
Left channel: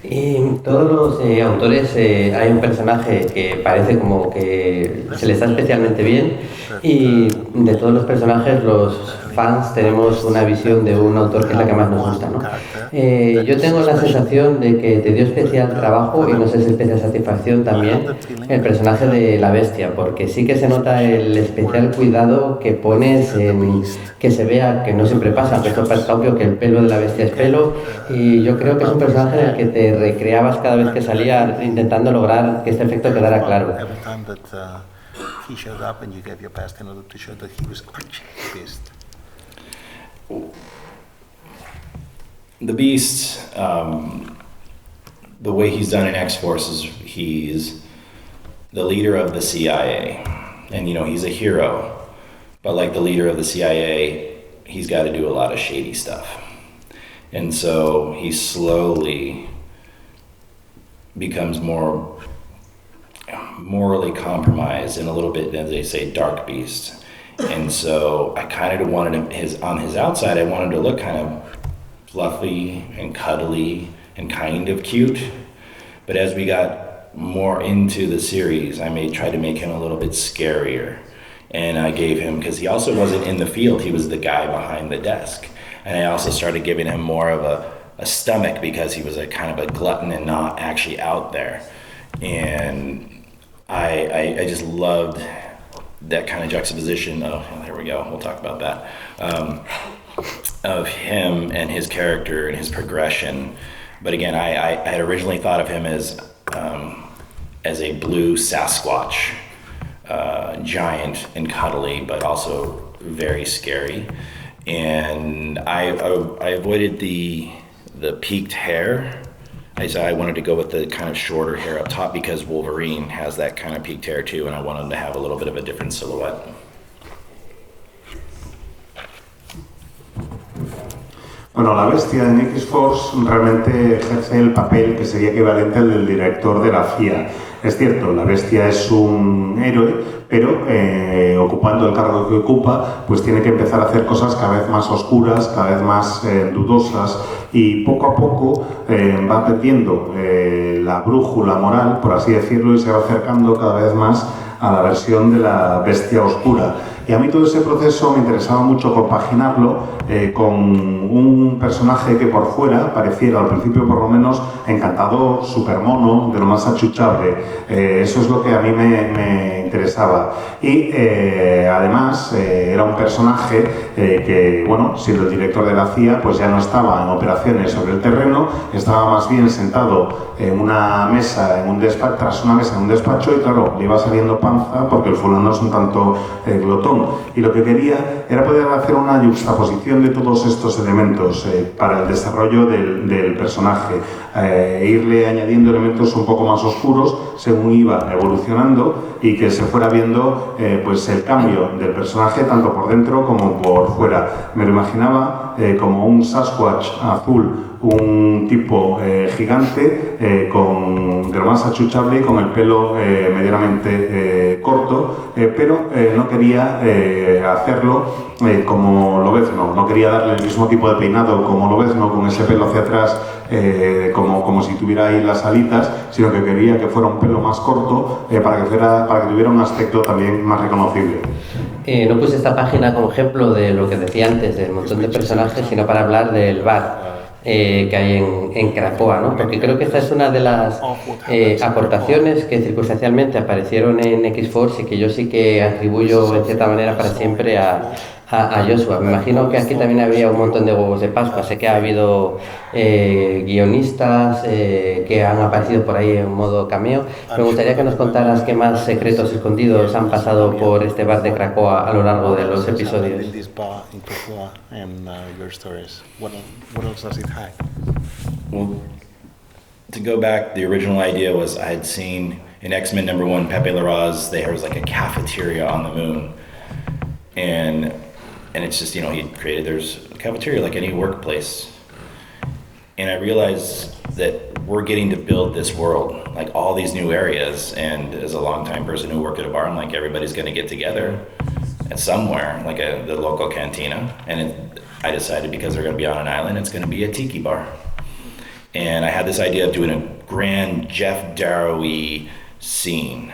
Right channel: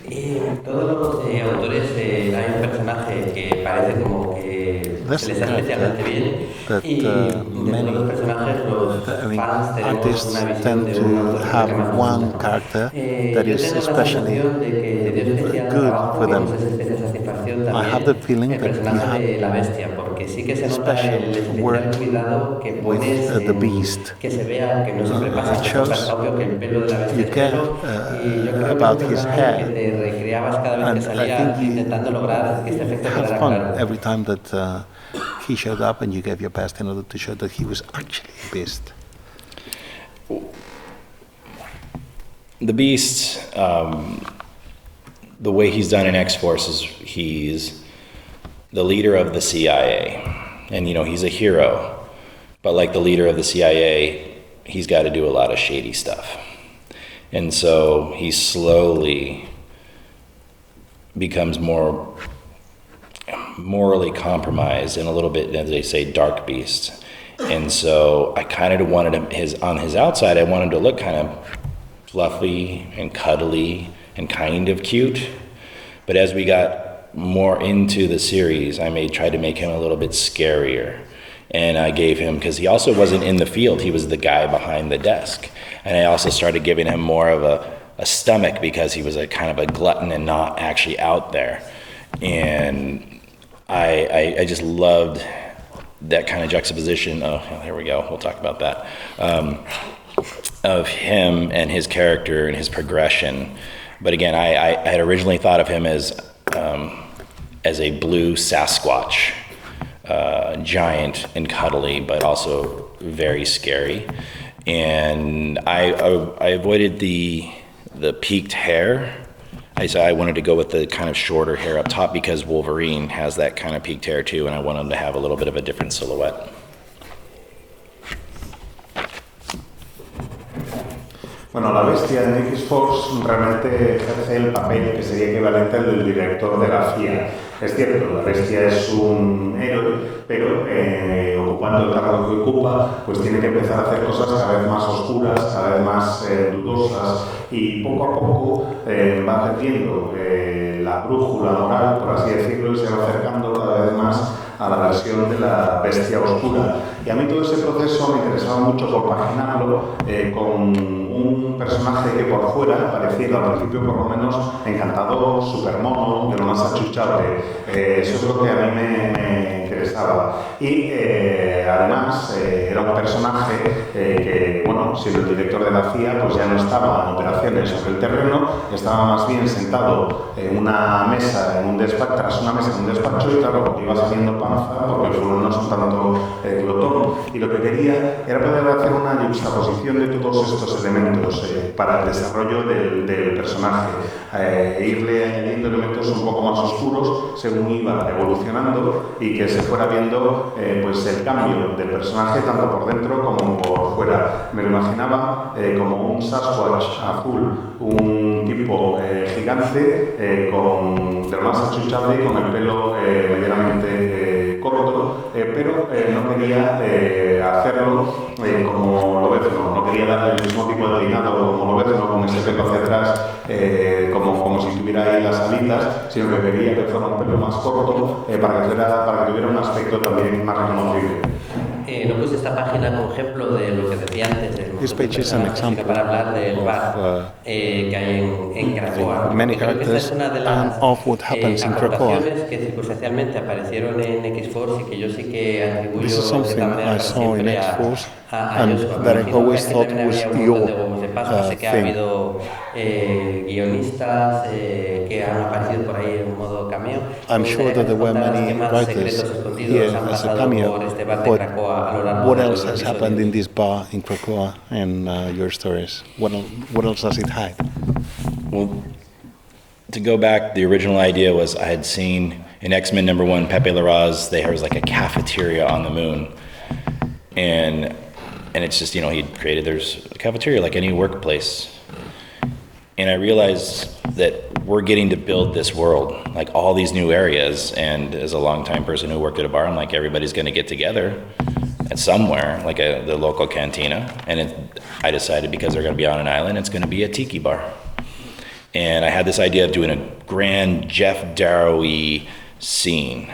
Y todos los autores hay un personaje que parece como que se les da especialmente bien y de todos los personajes los fans tenemos una visión de un autor que es la que más nos gusta, ¿no? Yo tengo la sensación de que te dio especial trabajo y no sé si especial satisfacción también el personaje de la bestia, porque sí que se nota el especial cuidado que pones en que se vea, que no siempre pasa, que es obvio que el pelo de la bestia es pelo y yo creo que es un personaje que te recreabas cada vez que salía intentando lograr que este efecto quedara claro. Every time that he showed up and you gave your best in order to show that he was actually the Beast. The Beast, the way he's done in X-Force is he's the leader of the CIA. And, you know, he's a hero. But like the leader of the CIA, he's got to do a lot of shady stuff. And so he slowly becomes more morally compromised and a little bit, as they say, dark beast. And so I kind of wanted him, on his outside, I wanted him to look kind of fluffy and cuddly and kind of cute. But as we got more into the series, I tried to make him a little bit scarier. And I gave him, because he also wasn't in the field, he was the guy behind the desk. And I also started giving him more of a stomach because he was a kind of a glutton and not actually out there. And I just loved that kind of juxtaposition. Oh, there we go. We'll talk about that. Of him and his character and his progression. But again, I had originally thought of him as a blue Sasquatch, giant and cuddly, but also very scary. And I avoided the peaked hair. I wanted to go with the kind of shorter hair up top because Wolverine has that kind of peaked hair too, and I wanted to have a little bit of a different silhouette. Bueno, la bestia en X-Force realmente ejerce el papel que sería equivalente al del director de la CIA. Es cierto, la bestia es un héroe, pero ocupando el cargo que ocupa, pues tiene que empezar a hacer cosas cada vez más oscuras, cada vez más dudosas, y poco a poco va perdiendo la brújula moral, por así decirlo, y se va acercando cada vez más a la versión de la bestia oscura. Y a mí todo ese proceso me interesaba mucho compaginarlo con un personaje que por fuera pareciera, al principio por lo menos, encantador, súper mono, de lo más achuchable. Eso es lo que a mí me interesaba. Y además era un personaje que, bueno, siendo el director de la CIA, pues ya no estaba en operaciones sobre el terreno, estaba más bien sentado en una mesa, en un despacho, tras una mesa en un despacho, y claro, le iba saliendo panza porque el fulano es un tanto glotón. Y lo que quería era poder hacer una juxtaposición de todos estos elementos para el desarrollo del personaje, irle añadiendo elementos un poco más oscuros según iba evolucionando y que se fuera viendo pues el cambio del personaje tanto por dentro como por fuera. Me lo imaginaba como un Sasquatch azul, un tipo gigante de lo más achuchable y con el pelo medianamente corto, pero no quería hacerlo como Lobezno, no quería darle el mismo tipo de peinado como Lobezno, con ese pelo hacia atrás, como si tuviera ahí las alitas, sino que quería que fuera un pelo más corto para que tuviera un aspecto también más reconocible. No puse esta página como ejemplo de lo que decía antes, del montón de personajes, sino para hablar del bar que hay en Cracoa, ¿no? Porque creo que esta es una de las aportaciones que circunstancialmente aparecieron en X-Force y que yo sí que atribuyo en cierta manera para siempre a Joshua. Me imagino que aquí también habría un montón de huevos de Pascua. Sé que ha habido guionistas que han aparecido por ahí en modo cameo. Me gustaría que nos contaras qué más secretos escondidos han pasado por este bar de Cracoa a lo largo de los episodios. In this bar in Krakoa and your stories? What else does it hide? Well, to go back, the original idea was I had seen in X-Men #1, Pepe Larraz, there was like a cafeteria on the moon. And it's just, he'd created, there's a cafeteria like any workplace. And I realized that we're getting to build this world, like all these new areas. And as a longtime person who worked at a bar, I'm like, everybody's going to get together at somewhere, like the local cantina. And I decided because they're going to be on an island, it's going to be a tiki bar. And I had this idea of doing a grand Jeff Darrow-y scene.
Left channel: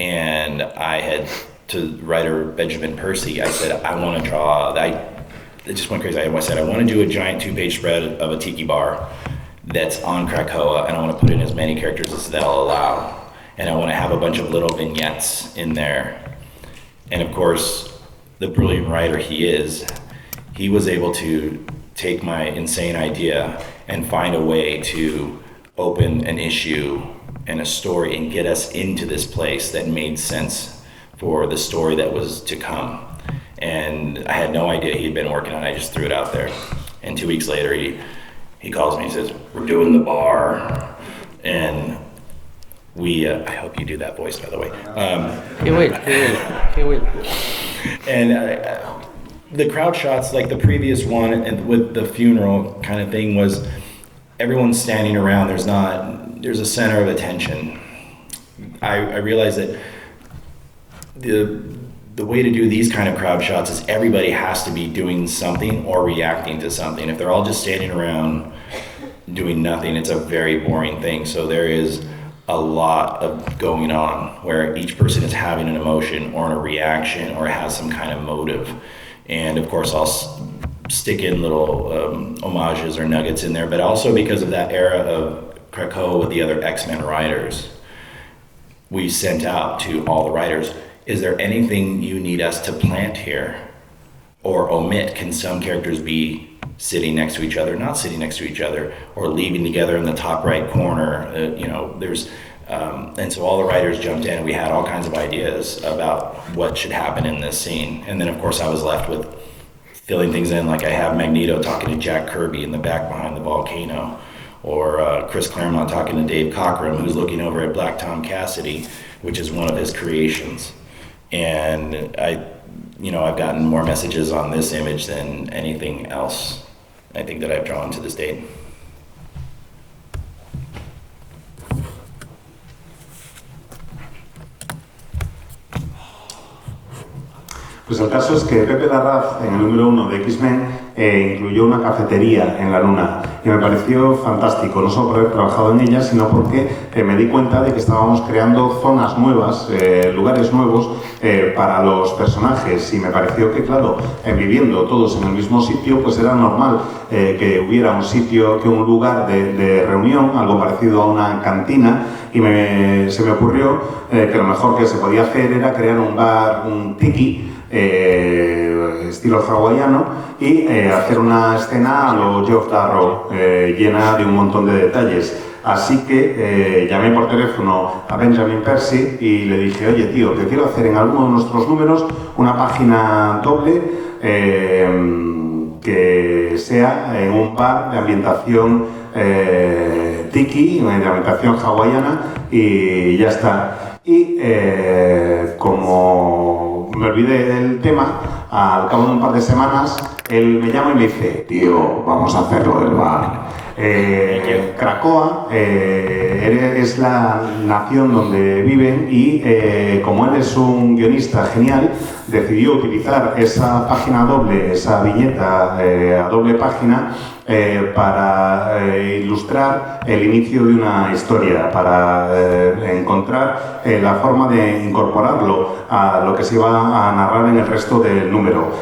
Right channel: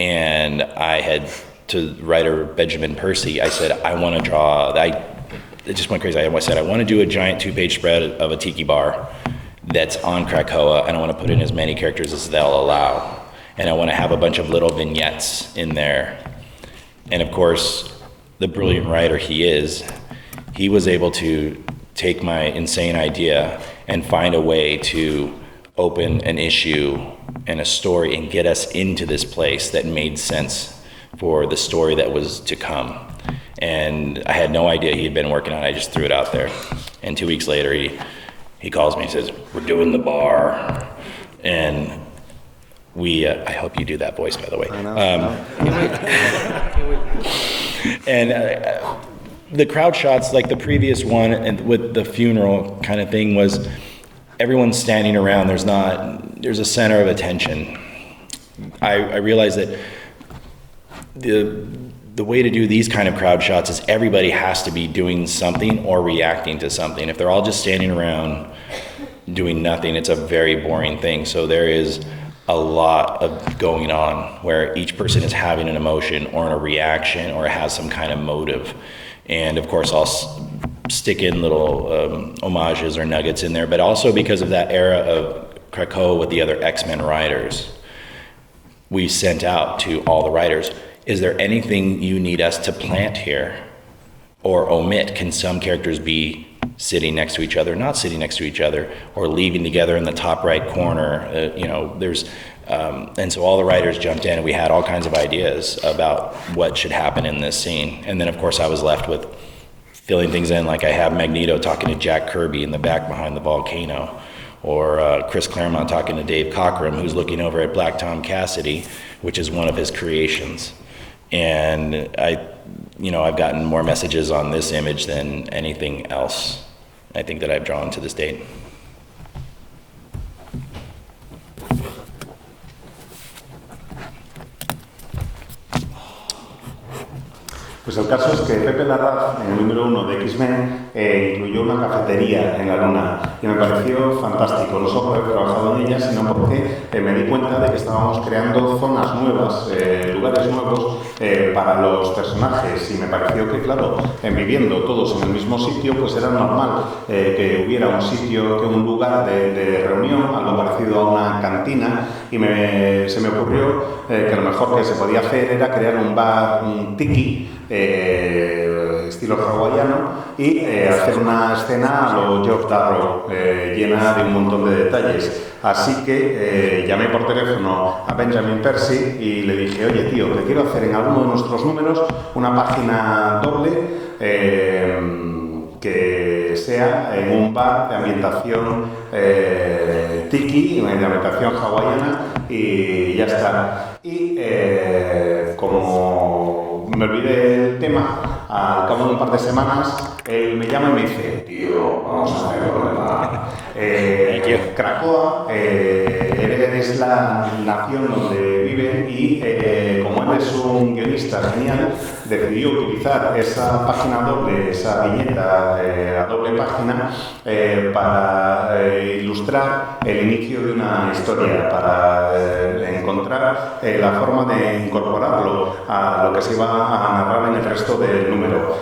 And I had, to writer Benjamin Percy, I said, I want to draw, it just went crazy. I said, I want to do a giant 2-page spread of a tiki bar that's on Krakoa, and I want to put in as many characters as they'll allow. And I want to have a bunch of little vignettes in there. And of course, the brilliant writer he was able to take my insane idea and find a way to open an issue and a story and get us into this place that made sense for the story that was to come. And I had no idea he'd been working on it. I just threw it out there. And 2 weeks later, he calls me and says, we're doing the bar. And I hope you do that voice, by the way. He will. And the crowd shots, like the previous one, and with the funeral kind of thing, was everyone's standing around. There's a center of attention. I realized that the way to do these kind of crowd shots is everybody has to be doing something or reacting to something. If they're all just standing around doing nothing, it's a very boring thing. So there is a lot of going on where each person is having an emotion or a reaction or has some kind of motive. And of course, I'll stick in little homages or nuggets in there, but also because of that era of Krakoa with the other X-Men writers, we sent out to all the writers, is there anything you need us to plant here or omit? Can some characters be sitting next to each other, not sitting next to each other, or leaving together in the top right corner? And so all the writers jumped in and we had all kinds of ideas about what should happen in this scene. And then of course I was left with filling things in, like I have Magneto talking to Jack Kirby in the back behind the volcano, or Chris Claremont talking to Dave Cockrum, who's looking over at Black Tom Cassidy, which is one of his creations. And I've gotten more messages on this image than anything else, I think, that I've drawn to this date. Pues el caso es que Pepe Larraz, en el número 1 de X-Men, incluyó una cafetería en la Luna y me pareció fantástico, no solo por haber trabajado en ella, sino porque me di cuenta de que estábamos creando zonas nuevas, lugares nuevos para los personajes, y me pareció que, claro, viviendo todos en el mismo sitio, pues era normal que hubiera un lugar de reunión, algo parecido a una cantina, y se me ocurrió que lo mejor que se podía hacer era crear un bar, un tiki, estilo hawaiano, y hacer una escena a lo Jock Darrow, llena de un montón de detalles. Así que llamé por teléfono a Benjamin Percy y le dije, oye tío, te quiero hacer en alguno de nuestros números una página doble que sea en un bar de ambientación tiki, de ambientación hawaiana, y ya está. Y como me olvidé del tema, al cabo de un par de semanas él me llama y me dice, tío, vamos a hacerlo, ¿verdad? Cracoa es la nación donde viven y como él es un guionista genial, decidió utilizar esa página doble, esa viñeta a doble página para ilustrar el inicio de una historia, para encontrar la forma de incorporarlo a lo que se iba a narrar en el resto del número.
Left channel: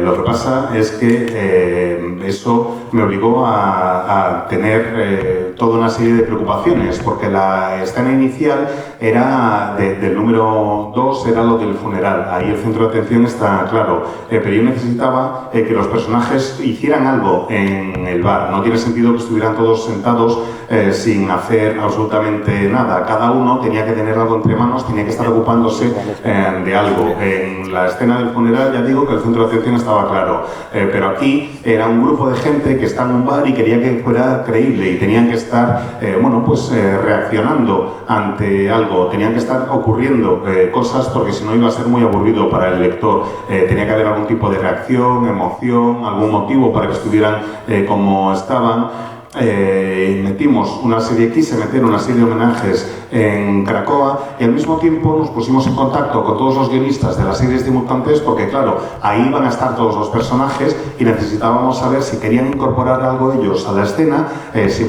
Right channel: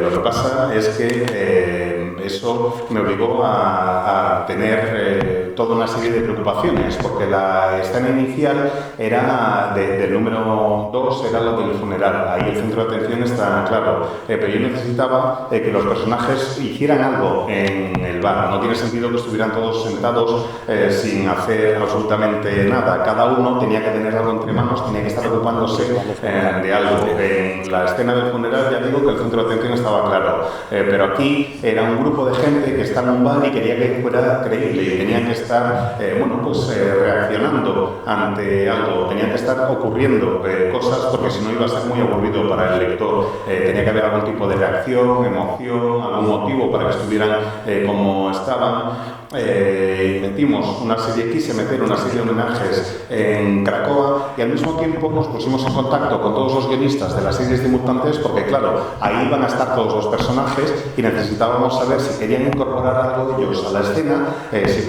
Lo que pasa es que eso me obligó a tener toda una serie de preocupaciones, porque la escena inicial era del número 2, era lo del funeral. Ahí el centro de atención está claro, pero yo necesitaba que los personajes hicieran algo en el bar. No tiene sentido que estuvieran todos sentados sin hacer absolutamente nada. Cada uno tenía que tener algo entre manos, tenía que estar ocupándose de algo. En la escena del funeral ya digo que el centro de atención estaba claro, pero aquí era un grupo de gente que estaba en un bar y quería que fuera creíble y tenían que estar reaccionando ante algo, tenían que estar ocurriendo cosas, porque si no iba a ser muy aburrido para el lector. Tenía que haber algún tipo de reacción, emoción, algún motivo para que estuvieran como estaban. Quise meter una serie de homenajes en Cracoa y al mismo tiempo nos pusimos en contacto con todos los guionistas de las series debutantes, porque claro, ahí iban a estar todos los personajes y necesitábamos saber si querían incorporar algo de ellos a la escena, si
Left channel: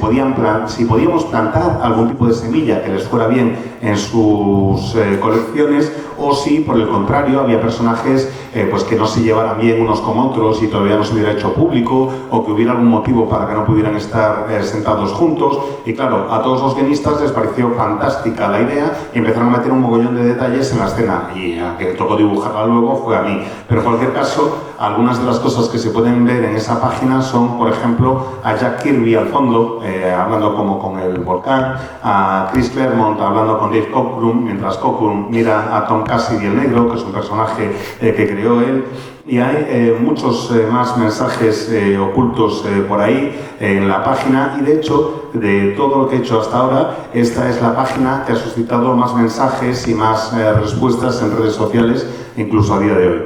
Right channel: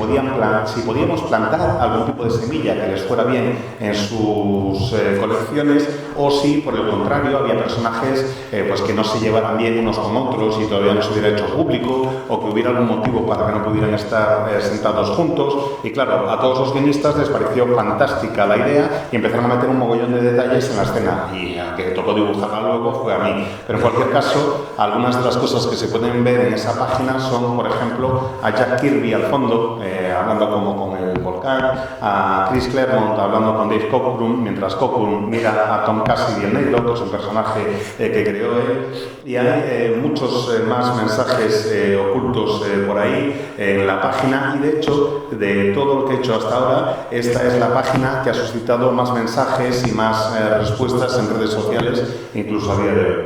podíamos plantar algún tipo de semilla que les fuera bien en sus colecciones, o si por el contrario había personajes que no se llevaran bien unos con otros y todavía no se hubiera hecho público, o que hubiera algún motivo para que no pudieran estar sentados juntos. Y claro, a todos los guionistas les pareció fantástica la idea y empezaron a meter un mogollón de detalles en la escena, y a que todo dibujarla luego fue a mí. Pero en cualquier caso, algunas de las cosas que se pueden ver en esa página son, por ejemplo, a Jack Kirby al fondo, hablando como con el volcán, a Chris Claremont hablando con Dave Cockrum, mientras Cockrum mira a Tom Cassidy el negro, que es un personaje que creó él. Y hay muchos más mensajes ocultos por ahí en la página, y de hecho, de todo lo que he hecho hasta ahora, esta es la página que ha suscitado más mensajes y más respuestas en redes sociales, incluso a día de hoy.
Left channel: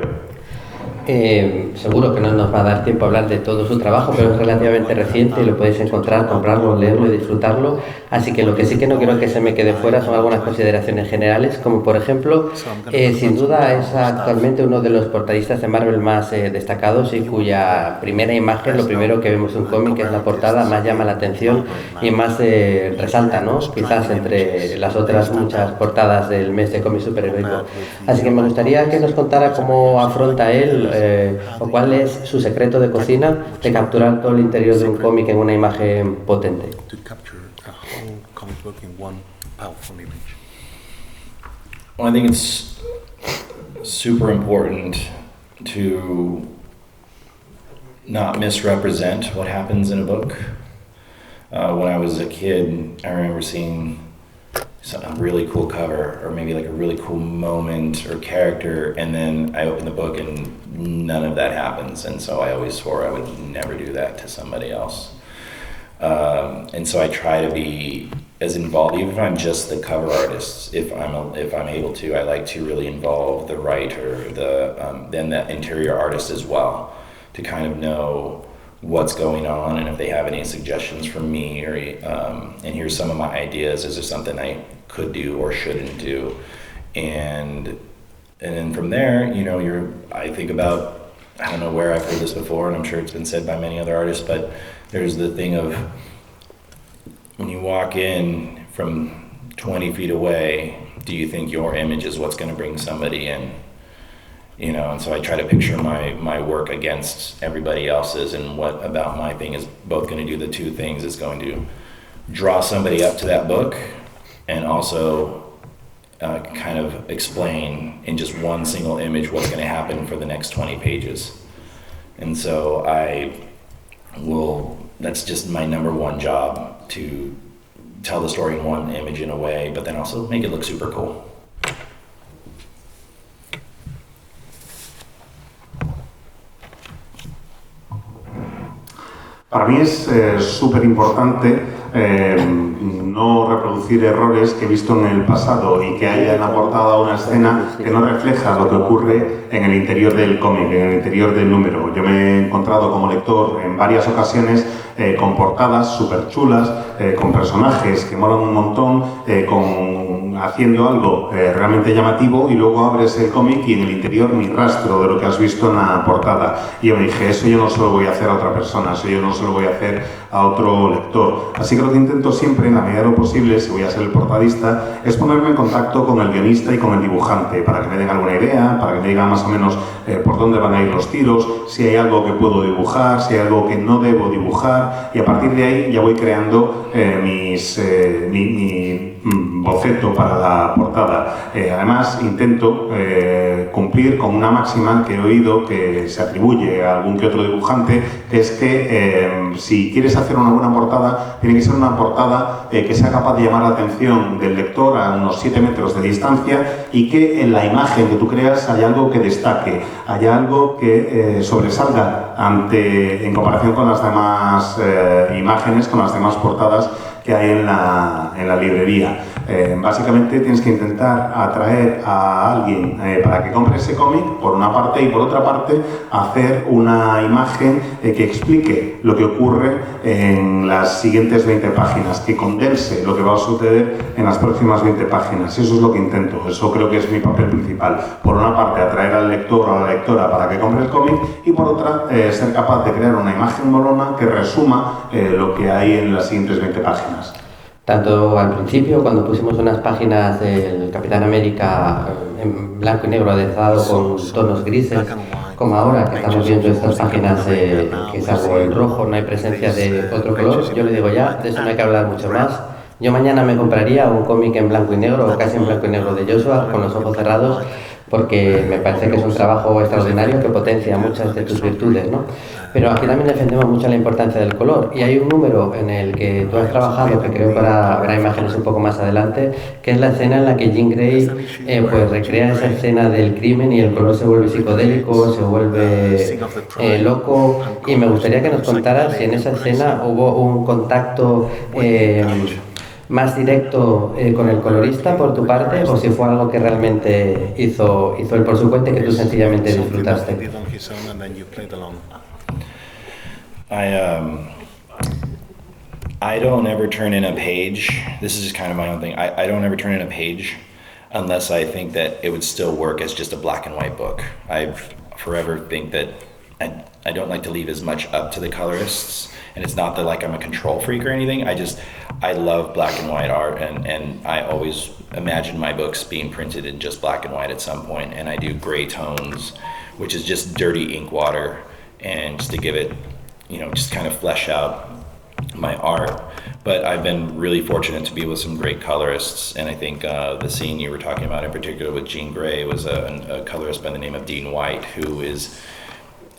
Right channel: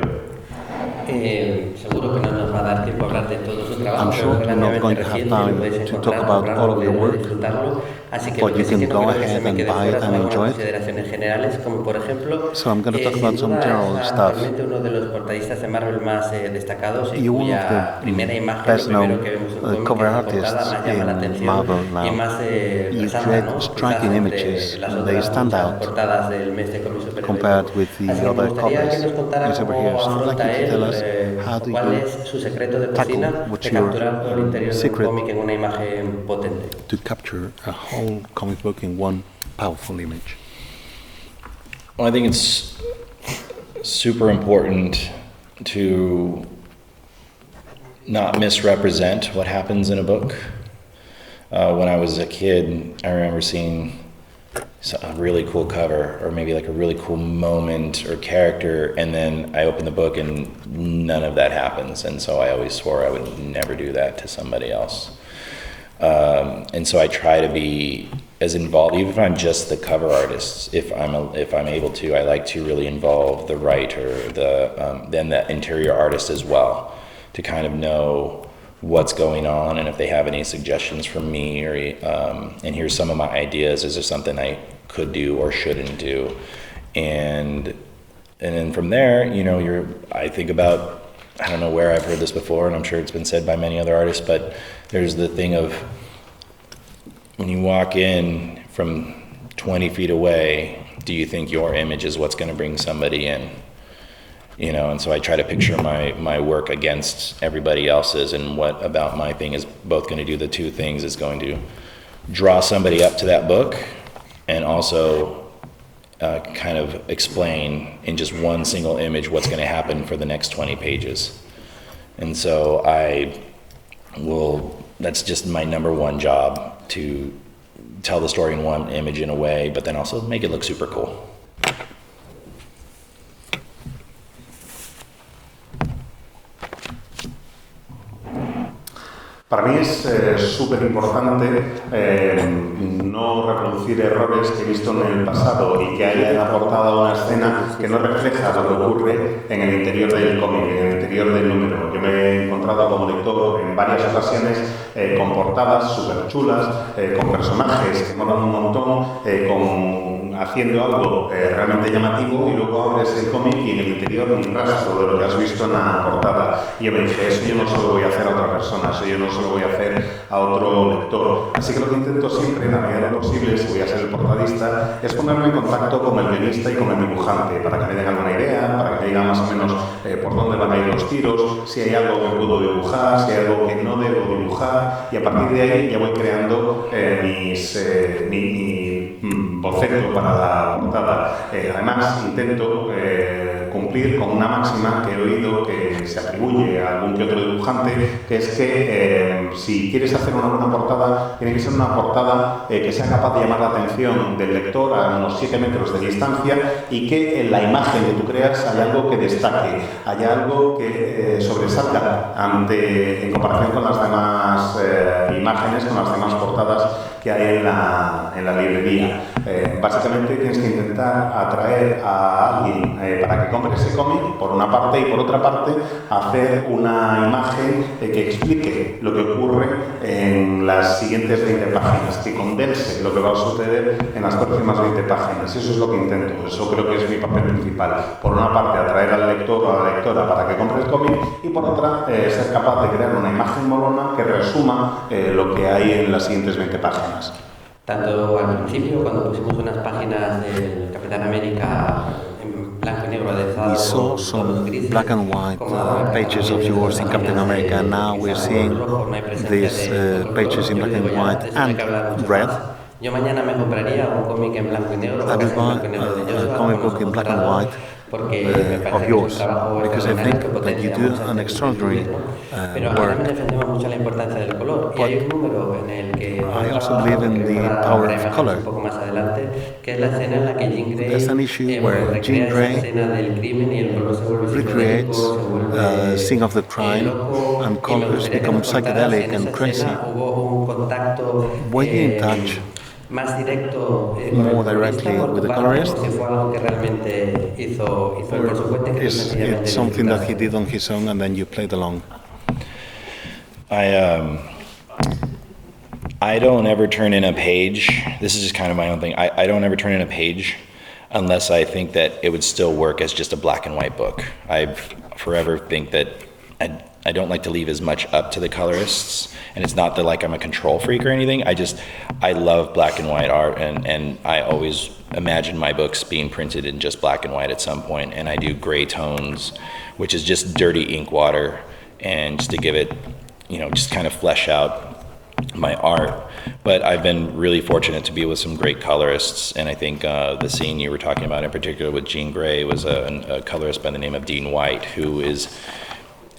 Seguro que no nos va a dar tiempo a hablar de todo su trabajo, pero es relativamente reciente y lo podéis encontrar, comprarlo, leerlo y disfrutarlo. Así que lo que sí que no quiero que se me quede fuera son algunas consideraciones generales, como por ejemplo, sin duda es actualmente uno de los portadistas de Marvel más destacados y cuya primera imagen, lo primero que vemos en un cómic, es la portada, más llama la atención y más resalta, ¿no? Quizás entre las otras muchas portadas del mes de cómic superheroico. Así que me gustaría que nos contara cómo afronta él o cuál es su secreto de cocina de capturar todo el interior de un cómic en una imagen potente. To capture a whole comic book in one powerful image. Well, I think it's super important to not misrepresent what happens in a book. When I was a kid, I remember seeing a really cool cover, or maybe like a really cool moment or character, and then I open the book and none of that happens, and so I always swore I would never do that to somebody else. And so I try to be as involved, even if I'm just the cover artist. If I'm able to, I like to really involve the writer, then the interior artist as well, to kind of know what's going on, and if they have any suggestions from me, or and here's some of my ideas. Is there something I could do or shouldn't do? And then from there, I think about, I don't know where I've heard this before, and I'm sure it's been said by many other artists, but there's the thing of when you walk in from 20 feet away, do you think your image is what's going to bring somebody in? And so I try to picture my work against everybody else's, and what about my thing is both going to do the two things. It's going to draw somebody up to that book, and also kind of explain in just one single image what's going to happen for the next 20 pages. And so that's just my number one job, to tell the story in one image in a way, but then also make it look super cool. Para mí es súper importante no reproducir errores que he visto en el pasado y que hayan aportado a una escena que no refleja lo que ocurre en el interior del cómic, en el interior del número. Yo me he encontrado como lector en varias ocasiones con portadas súper chulas, con personajes que molan un montón, haciendo algo realmente llamativo, y luego abres el cómic y en el interior ni rastro de lo que has visto en la portada. Y yo me dije, eso yo no se lo voy a hacer a otra persona, eso yo no se lo voy a hacer a otro lector. Así que lo que intento siempre, en la medida de lo posible, si voy a ser el portadista, es ponerme en contacto con el guionista y con el dibujante, para que me den alguna idea, para que me digan más o menos por dónde van a ir los tiros, si hay algo que puedo dibujar, si hay algo que no debo dibujar, y a partir de ahí ya voy creando mi boceto para la portada. Además, intento cumplir con una máxima que he oído que se atribuye a algún que otro dibujante, que es que si quieres hacer una portada, tiene que ser una portada que sea capaz de llamar la atención del lector a unos 7 metros de distancia, y que en la imagen que tú creas haya algo que destaque, haya algo que sobresalga en comparación con las demás imágenes, con las demás portadas que hay en la librería. Básicamente tienes que intentar atraer a alguien para que compre ese cómic, por una parte, y por otra parte hacer una imagen que explique lo que ocurre en las siguientes 20 páginas, que condense lo que va a suceder en las próximas 20 páginas. Eso es lo que intento, eso creo que es mi papel principal. Por una parte, atraer al lector o a la lectora para que compre el cómic, y por otra, ser capaz de crear una imagen molona que resuma lo que hay en las siguientes 20 páginas. Tanto al principio, cuando pusimos unas páginas del Capitán América en blanco y negro aderezado con tonos grises, como ahora que estamos viendo estas páginas que es algo en rojo, no hay presencia de otro color, yo le digo ya, de eso no hay que hablar mucho más. Yo mañana me compraría un cómic en blanco y negro, o casi en blanco y negro, de Joshua, con los ojos cerrados, porque me parece que es un trabajo extraordinario que potencia muchas de tus virtudes, ¿no? Pero aquí también defendemos mucho la importancia del color, y hay un número en el que tú has trabajado, que creo para habrá imágenes un poco más adelante, que es la escena en la que Jean Grey pues recrea esa escena del crimen y el color se vuelve psicodélico, se vuelve loco, y me gustaría que nos contaras si en esa escena hubo un contacto más directo con el colorista por tu parte, o si fue algo que realmente hizo él por su cuenta y que tú sencillamente disfrutaste. I don't ever turn in a page. This is just kind of my own thing. I don't ever turn in a page unless I think that it would still work as just a black and white book. I forever think that I don't like to leave as much up to the colorists, and it's not that like I'm a control freak or anything. I love black and white art, and I always imagine my books being printed in just black and white at some point, and I do gray tones, which is just dirty ink water, and just to give it, just kind of flesh out my art. But I've been really fortunate to be with some great colorists, and I think the scene you were talking about in particular with Jean Grey was a colorist by the name of Dean White,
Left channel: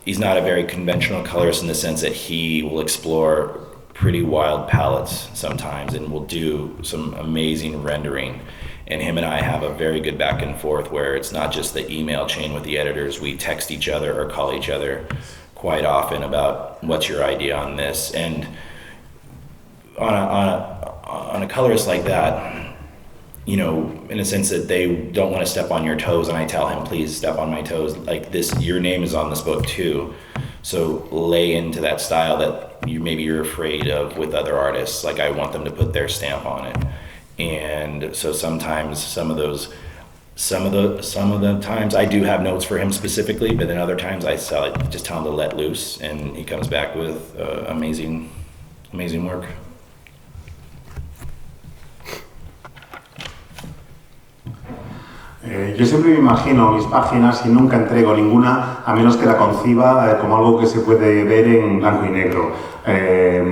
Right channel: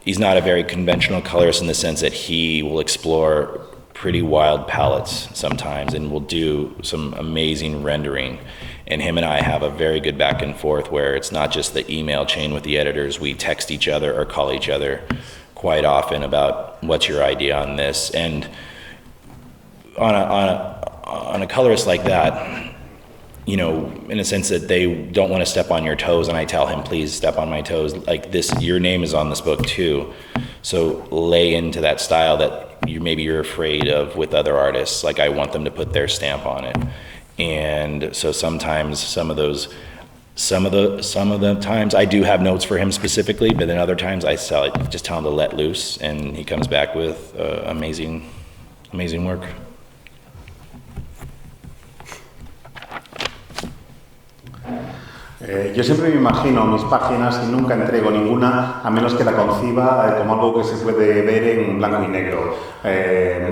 he's not a very conventional colorist in the sense that he will explore pretty wild palettes sometimes and will do some amazing rendering. And him and I have a very good back and forth where it's not just the email chain with the editors. We text each other or call each other quite often about what's your idea on this. And on a colorist like that, in a sense that they don't want to step on your toes, and I tell him, please step on my toes. Like this, your name is on this book too. So lay into that style that you're afraid of with other artists. Like I want them to put their stamp on it. And so sometimes some of the times I do have notes for him specifically, but then other times I just tell him to let loose, and he comes back with amazing work. Yo siempre me imagino mis páginas y nunca entrego ninguna a menos que la conciba como algo que se puede ver en blanco y negro,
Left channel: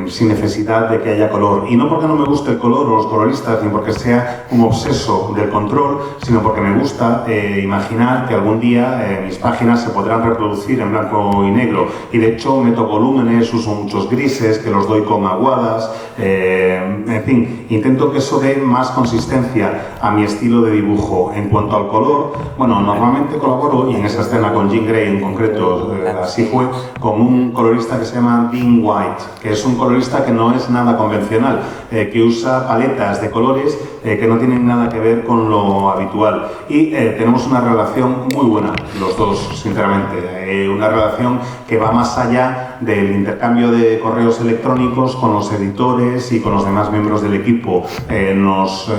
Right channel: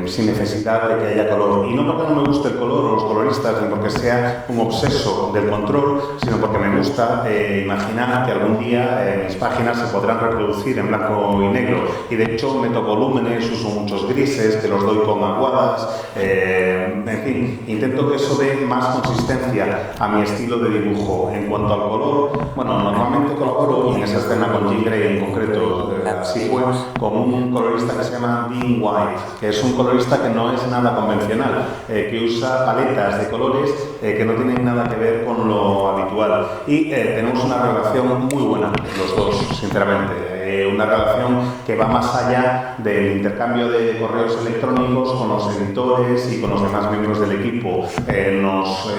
sin necesidad de que haya color. Y no porque no me guste el color o los coloristas, ni porque sea un obseso del control, sino porque me gusta imaginar que algún día mis páginas se podrán reproducir en blanco y negro. Y de hecho meto volúmenes, uso muchos grises, que los doy con aguadas, En fin, intento que eso dé más consistencia a mi estilo de dibujo. En cuanto al color, bueno, normalmente colaboro, y en esa escena con Jean Grey en concreto, así fue, con un colorista que se llama Dean White, que es un colorista que no es nada convencional, que usa paletas de colores que no tienen nada que ver con lo habitual. Y tenemos una relación muy buena, los dos, sinceramente. Una relación que va más allá del intercambio de correos electrónicos con los editores y con los demás miembros del equipo. Nos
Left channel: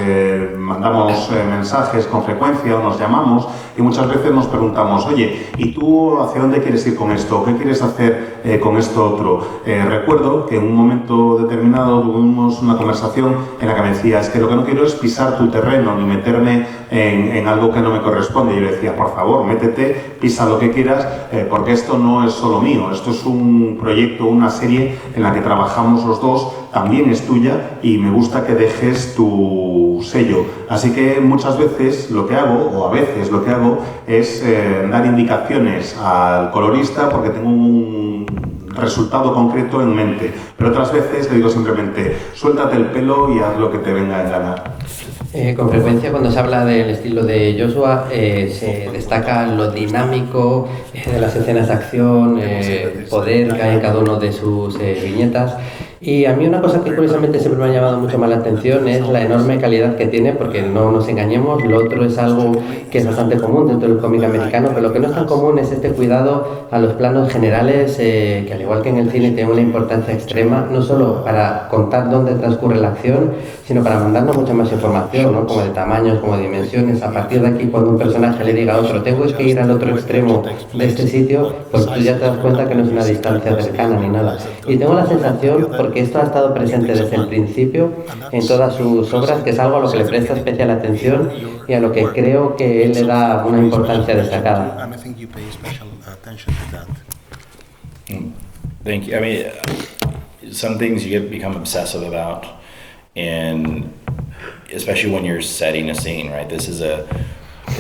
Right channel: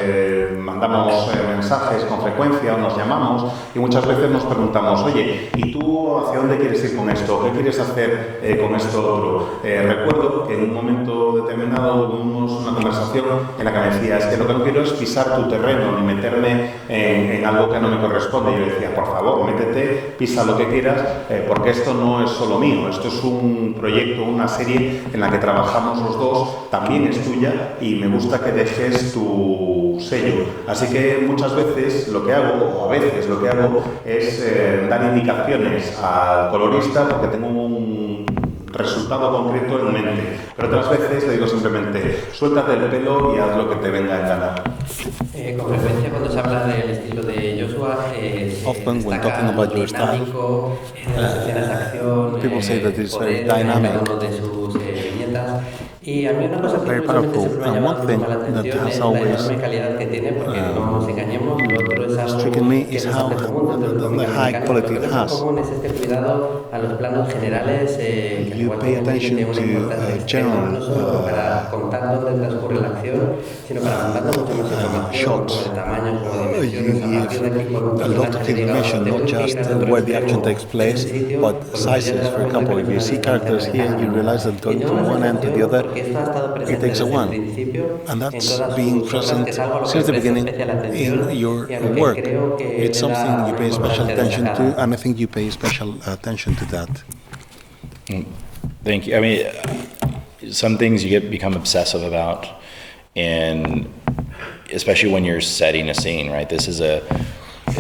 mandamos mensajes con frecuencia, nos llamamos y muchas veces nos preguntamos, oye, ¿y tú hacia dónde quieres ir con esto? ¿Qué quieres hacer con esto otro? Recuerdo que en un momento determinado tuvimos una conversación en la que me decías que lo que no quiero es pisar tu terreno ni meterme en algo que no me corresponde. Y yo le decía, por favor, métete, pisa lo que quieras, porque esto no es solo mío, esto es un proyecto, una serie en la que trabajamos los dos, también es tuya y me gusta que dejes tu sello. Así que muchas veces lo que hago, o a veces lo que hago, es dar indicaciones al colorista porque tengo un resultado concreto en mente. Pero otras veces le digo simplemente, suéltate el pelo y haz lo que te venga en gana. Con frecuencia cuando se habla del estilo de Joshua se destaca lo dinámico de las escenas de acción, poder que hay en cada uno de sus viñetas. Y a mí una cosa que curiosamente siempre me ha llamado mucho más la atención es la enorme calidad que tiene, porque no nos engañemos, lo otro es algo que es bastante común dentro del cómic americano, pero lo que no es tan común es este cuidado a los planos generales, que al igual que en el cine tiene una importancia extrema, no solo para contar dónde transcurre la acción, sino para mandarnos mucha más información, ¿no? Como de tamaños, como de dimensiones. A partir de aquí, cuando un personaje le diga a otro, tengo que ir al otro extremo de este sitio, pues tú ya te das cuenta que no es una distancia cercana ni nada. Y tengo la sensación, porque esto ha estado presente desde el principio en todas sus obras, que es algo a lo que le presta especial atención y a lo que creo que él le da una importancia destacada. Thank you. I mean, some things you become obsessive about, and especially when you're setting a scene, right? This is at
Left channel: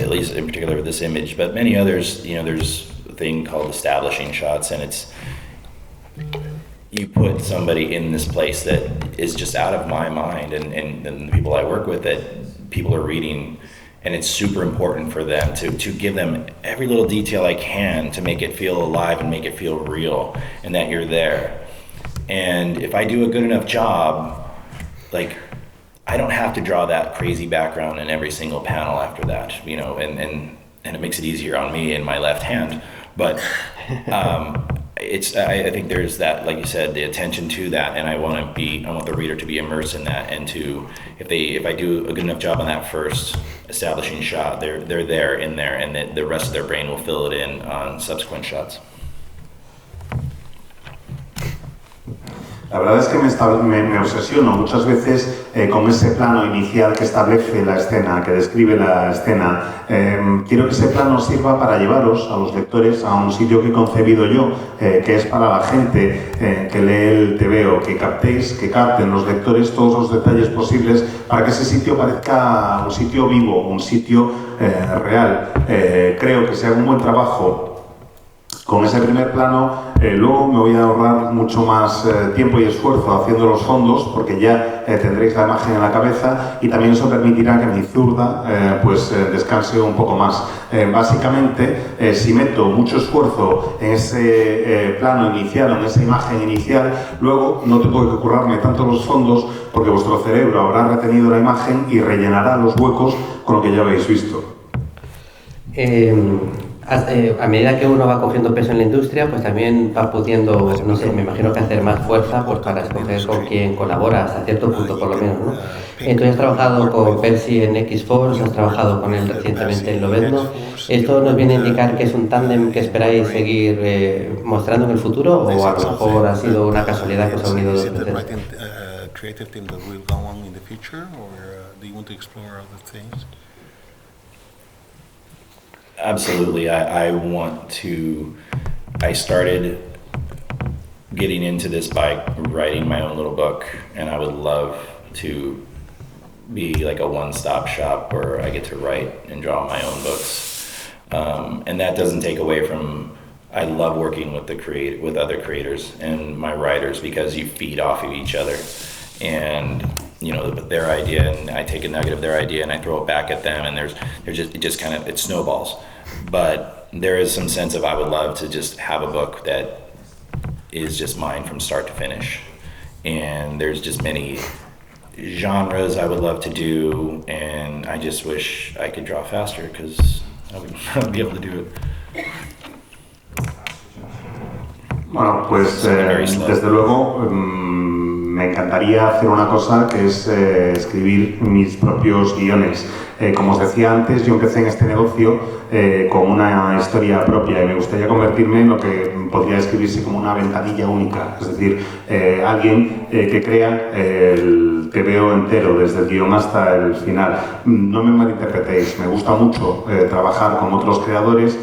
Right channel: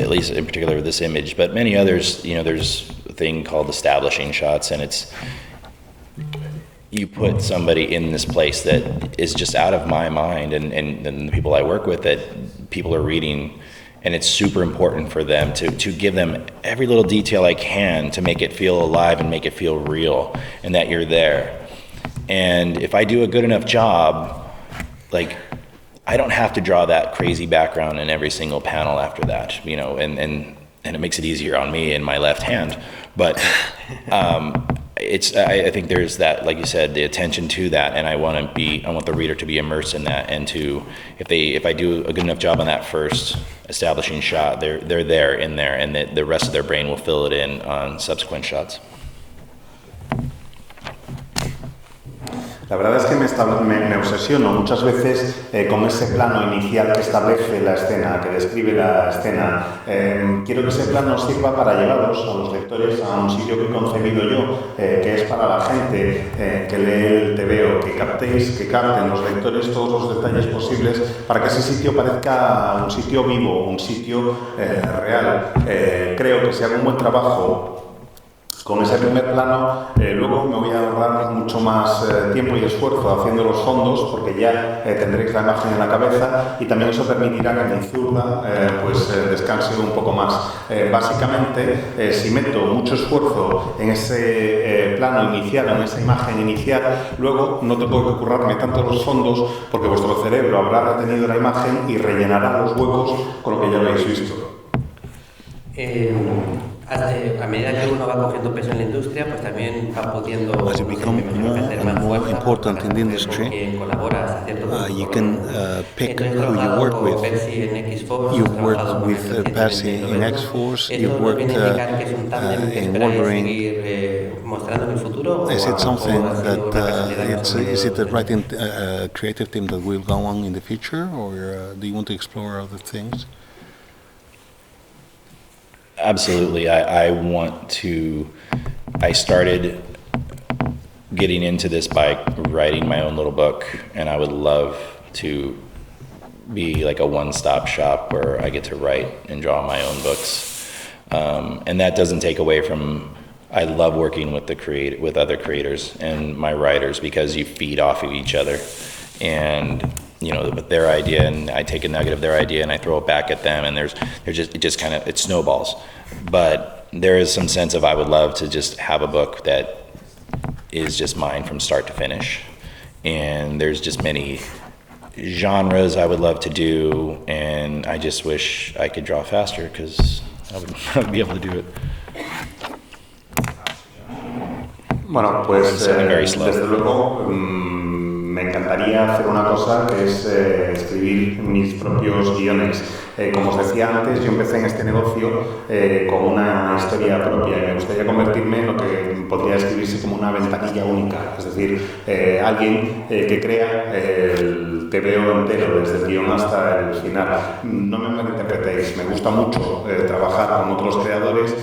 least in particular with this image, but many others, you know, there's a thing called establishing shots, and it's, you put somebody in this place that is just out of my mind and the people I work with that people are reading, and it's super important for them to give them every little detail I can to make it feel alive and make it feel real and that you're there. And if I do a good enough job, like, I don't have to draw that crazy background in every single panel after that, you know, and it makes it easier on me in my left hand. But I think there's that, like you said, the attention to that, and I want the reader to be immersed in that, and to, if I do a good enough job on that first establishing shot, they're there in there, and the rest of their brain will fill it in on subsequent shots. La verdad es que me obsesiono muchas veces con ese plano inicial que establece la escena, que describe la escena. Quiero que ese plano sirva para llevaros a los lectores a un sitio que he concebido yo, que es para la gente que lee el TVO, que capten los lectores todos los detalles posibles para que ese sitio parezca un sitio vivo, un sitio real. Creo que si hago un buen trabajo con ese primer plano, luego me voy a ahorrar mucho más tiempo y esfuerzo haciendo los fondos, porque ya tendréis la imagen en la cabeza, y también eso permitirá que mi zurda descanse un poco más. Básicamente, si meto mucho esfuerzo en ese plano inicial, en esa imagen inicial, luego no tengo que currarme tanto los fondos, porque vuestro cerebro habrá retenido la imagen y rellenará los huecos con lo que ya habéis visto. A medida que uno va cogiendo peso en la industria, pues también va pudiendo, no sé, me imagino que hacer más fuerza para escoger con quién colabora hasta cierto punto, por lo menos, ¿no? Tú has trabajado con Percy en X-Force, has trabajado con él recientemente en Lobezno. ¿Esto nos viene a indicar que es un tándem que esperáis seguir mostrando en el futuro, o a lo mejor ha sido una casualidad que os ha unido? Is it the right creative team that will go on in the future, or do you want to explore other things? Absolutely. I started getting into this by writing my own little book, and I would love to be like a one-stop shop where I get to write and draw my own books. And that doesn't take away from, I love working with with other creators and my writers, because you feed off of each other. and with their idea, and I take a nugget of their idea and I throw it back at them, and it just kind of, it snowballs. But there is some sense of, I would love to just have a book that is just mine from start to finish. And there's just many genres I would love to do, and I just wish I could draw faster, because I would be able to do it. Bueno, pues desde luego me encantaría hacer una cosa, que es escribir mis propios guiones. Como os decía antes, yo empecé en este negocio con una historia propia y me gustaría convertirme en lo que podría escribirse como una ventanilla única, es decir, alguien que crea el TVO entero, desde el guión hasta el final. No me malinterpretéis, me gusta mucho trabajar con otros creadores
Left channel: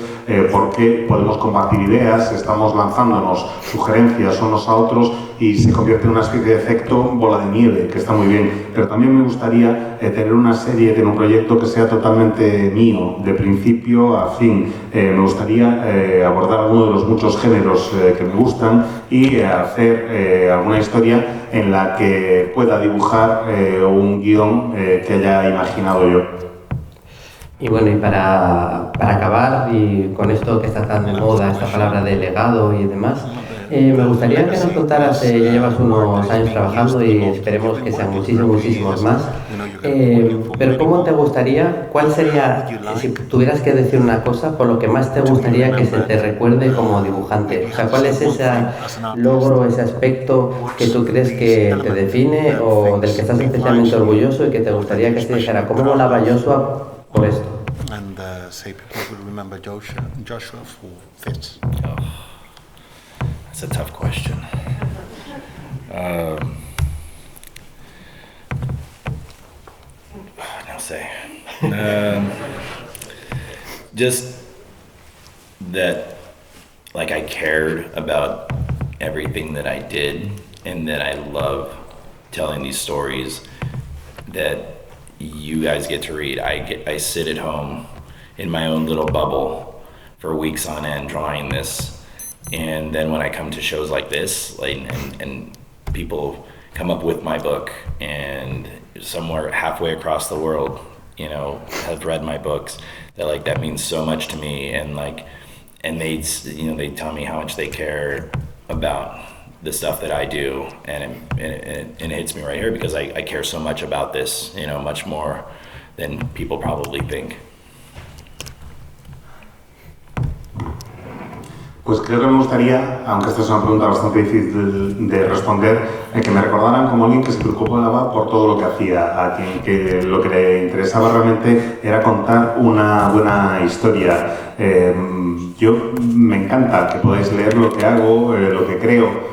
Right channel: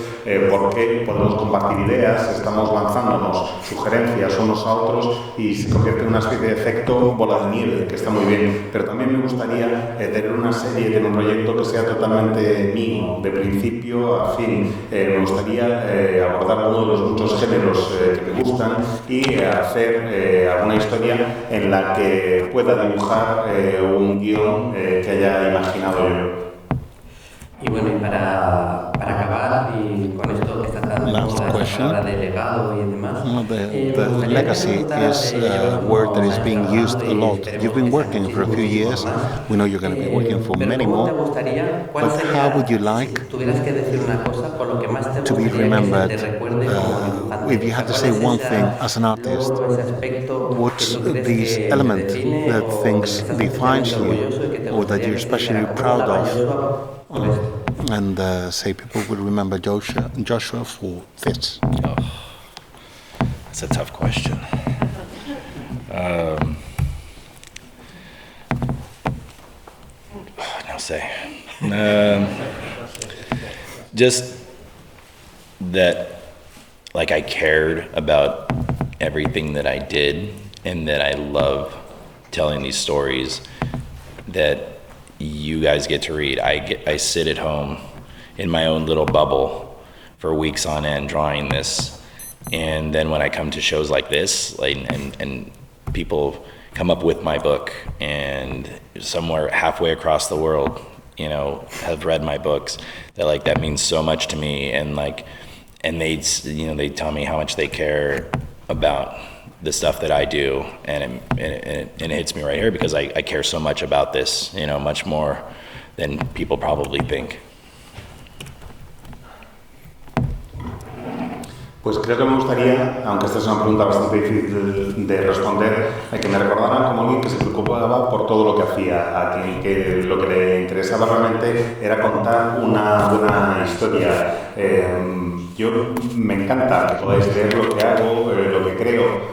porque podemos compartir ideas, estamos lanzándonos sugerencias unos a otros y se convierte en una especie de efecto bola de nieve, que está muy bien. Pero también me gustaría tener una serie, tener un proyecto que sea totalmente mío, de principio a fin. Me gustaría abordar alguno de los muchos géneros que me gustan y hacer alguna historia en la que pueda dibujar un guión que haya imaginado yo. Y bueno, y para acabar, y con esto que está tan de moda, esta palabra de legado y demás, me gustaría que nos contaras, ya llevas unos años trabajando y esperemos que sean muchísimos más, pero ¿cómo te gustaría, cuál sería, si tuvieras que decir una cosa, por lo que más te gustaría que se te recuerde como dibujante? O sea, ¿cuál es ese logro, ese aspecto que tú crees que te define o del que estás especialmente orgulloso y que te gustaría que se dijera, ¿cómo molaba Joshua por esto? And say people will remember Joshua for this. Oh, that's a tough question. No sé. Just that, like, I cared about everything that I did, and that I love telling these stories that you guys get to read. I sit at home in my own little bubble for weeks on end drawing this, and then when I come to shows like this, and people come up with my book, and somewhere halfway across the world, have read my books, that means so much to me, and they tell me how much they care about the stuff that I do, and it hits me right here, because I care so much about this, much more than people probably think. Pues creo que me gustaría, aunque esta es una pregunta bastante difícil de responder, que me recordaran como alguien que se preocupaba por todo lo que hacía, a que lo que le interesaba realmente era contar una buena historia. Yo me encanta que podáis leer lo que hago, lo que creo.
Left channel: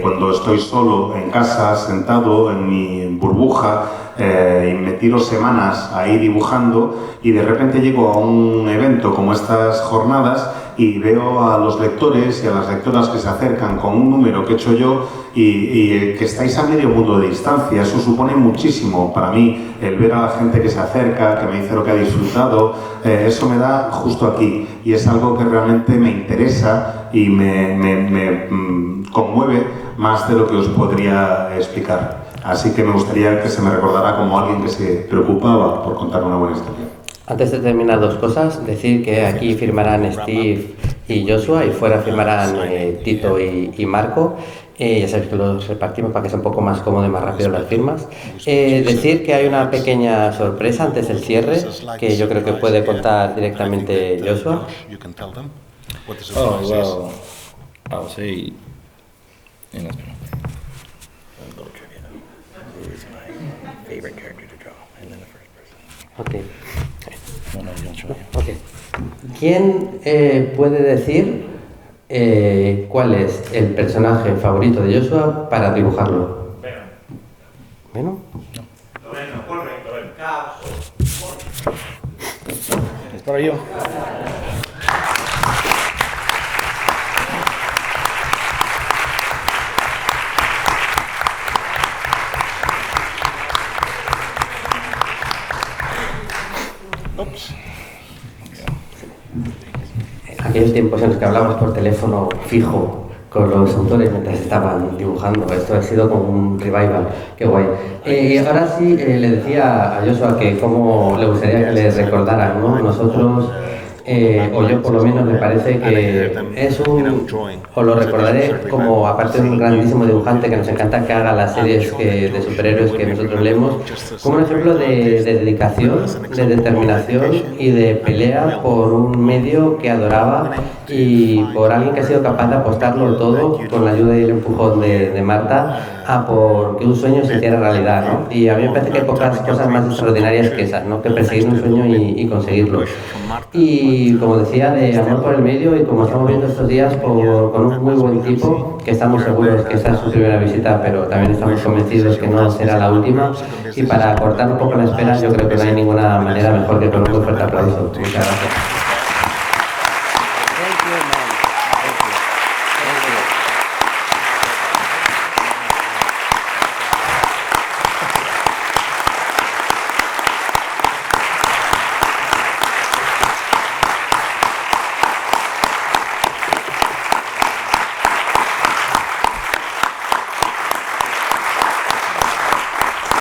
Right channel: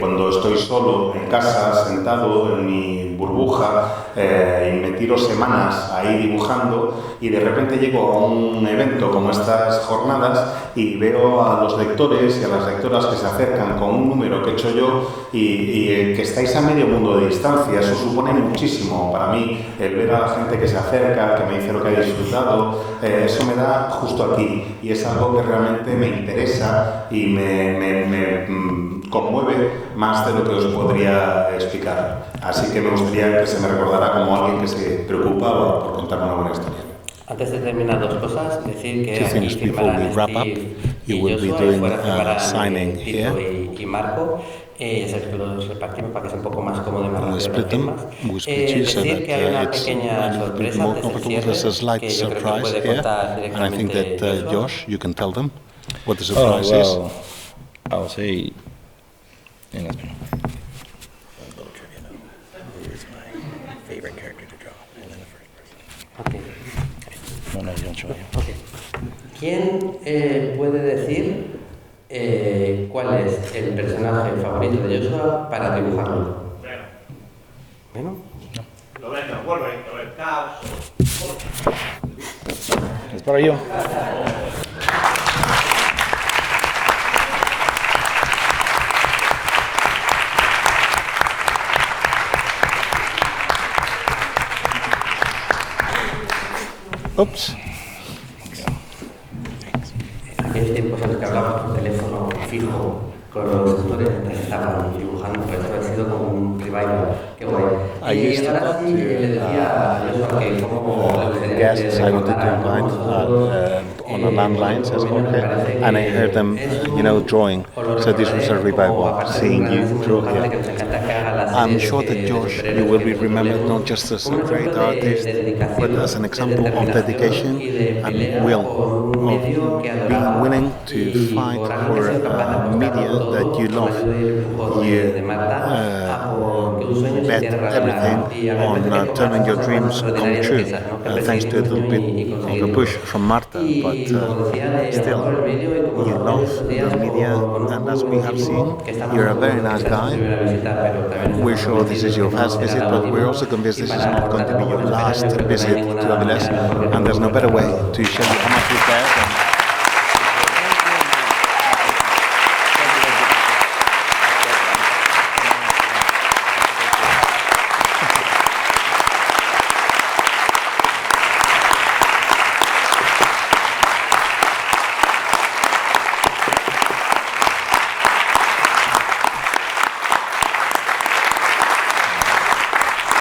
Cuando estoy solo en casa, sentado en mi burbuja, y me tiro semanas ahí dibujando, y de repente llego a un evento como estas jornadas y veo a los lectores y a las lectoras que se acercan con un número que he hecho yo y que estáis a medio punto de distancia. Eso supone muchísimo para mí, el ver a la gente que se acerca, que me dice lo que ha disfrutado, eso me da justo aquí, y es algo que realmente me interesa y me conmueve más de lo que os podría explicar. Así que me gustaría que se me recordara como alguien que se preocupaba por contar una buena historia. Antes de terminar, dos cosas. Decir que aquí firmarán Steve y Joshua, y fuera firmarán Tito y Marco. Ya sabéis que los repartimos para que sea un poco más cómodo y más rápido las firmas. Decir que hay una pequeña sorpresa antes del cierre, que yo creo que puede contar directamente Joshua. Oh, well, I'll say in español. A little trivia now. Who is my favorite character to draw? And then the first person. Okay. No, yo no. Okay. ¿Quién puede decir cuál es el personaje favorito de Joshua para dibujarlo? ¿Venom? No. Lo ven, correcto, el caos. Es para yo. Oops. En aquellos tiempos en los que hablamos por teléfono fijo, con los autores mientras estaban dibujando. Esto ha sido como un revival, qué guay. Y ahora sí, le decía a Joshua que cómo le gustaría que le recordaran, ¿no? Nosotros, o yo por lo menos me parece que es un, o lo recordaré como, aparte de un grandísimo dibujante que nos encanta que haga las series de superhéroes que nosotros leemos, como un ejemplo de dedicación, de determinación y de pelea por un medio que adoraba y por alguien que ha sido capaz de apostarlo todo con la ayuda y el empujón de Marta a por que un sueño se hiciera realidad, ¿no? Y a mí me parece que hay pocas cosas más extraordinarias que esas, ¿no? Que perseguir un sueño y conseguirlo. Y como decía, de amor por el medio, y como estamos viendo estos días con un muy buen equipo, que estamos seguros que esta es su primera visita, pero también estamos convencidos que no será la última. Y para cortar un poco la espera, yo creo que no hay ninguna manera mejor que con un fuerte aplauso.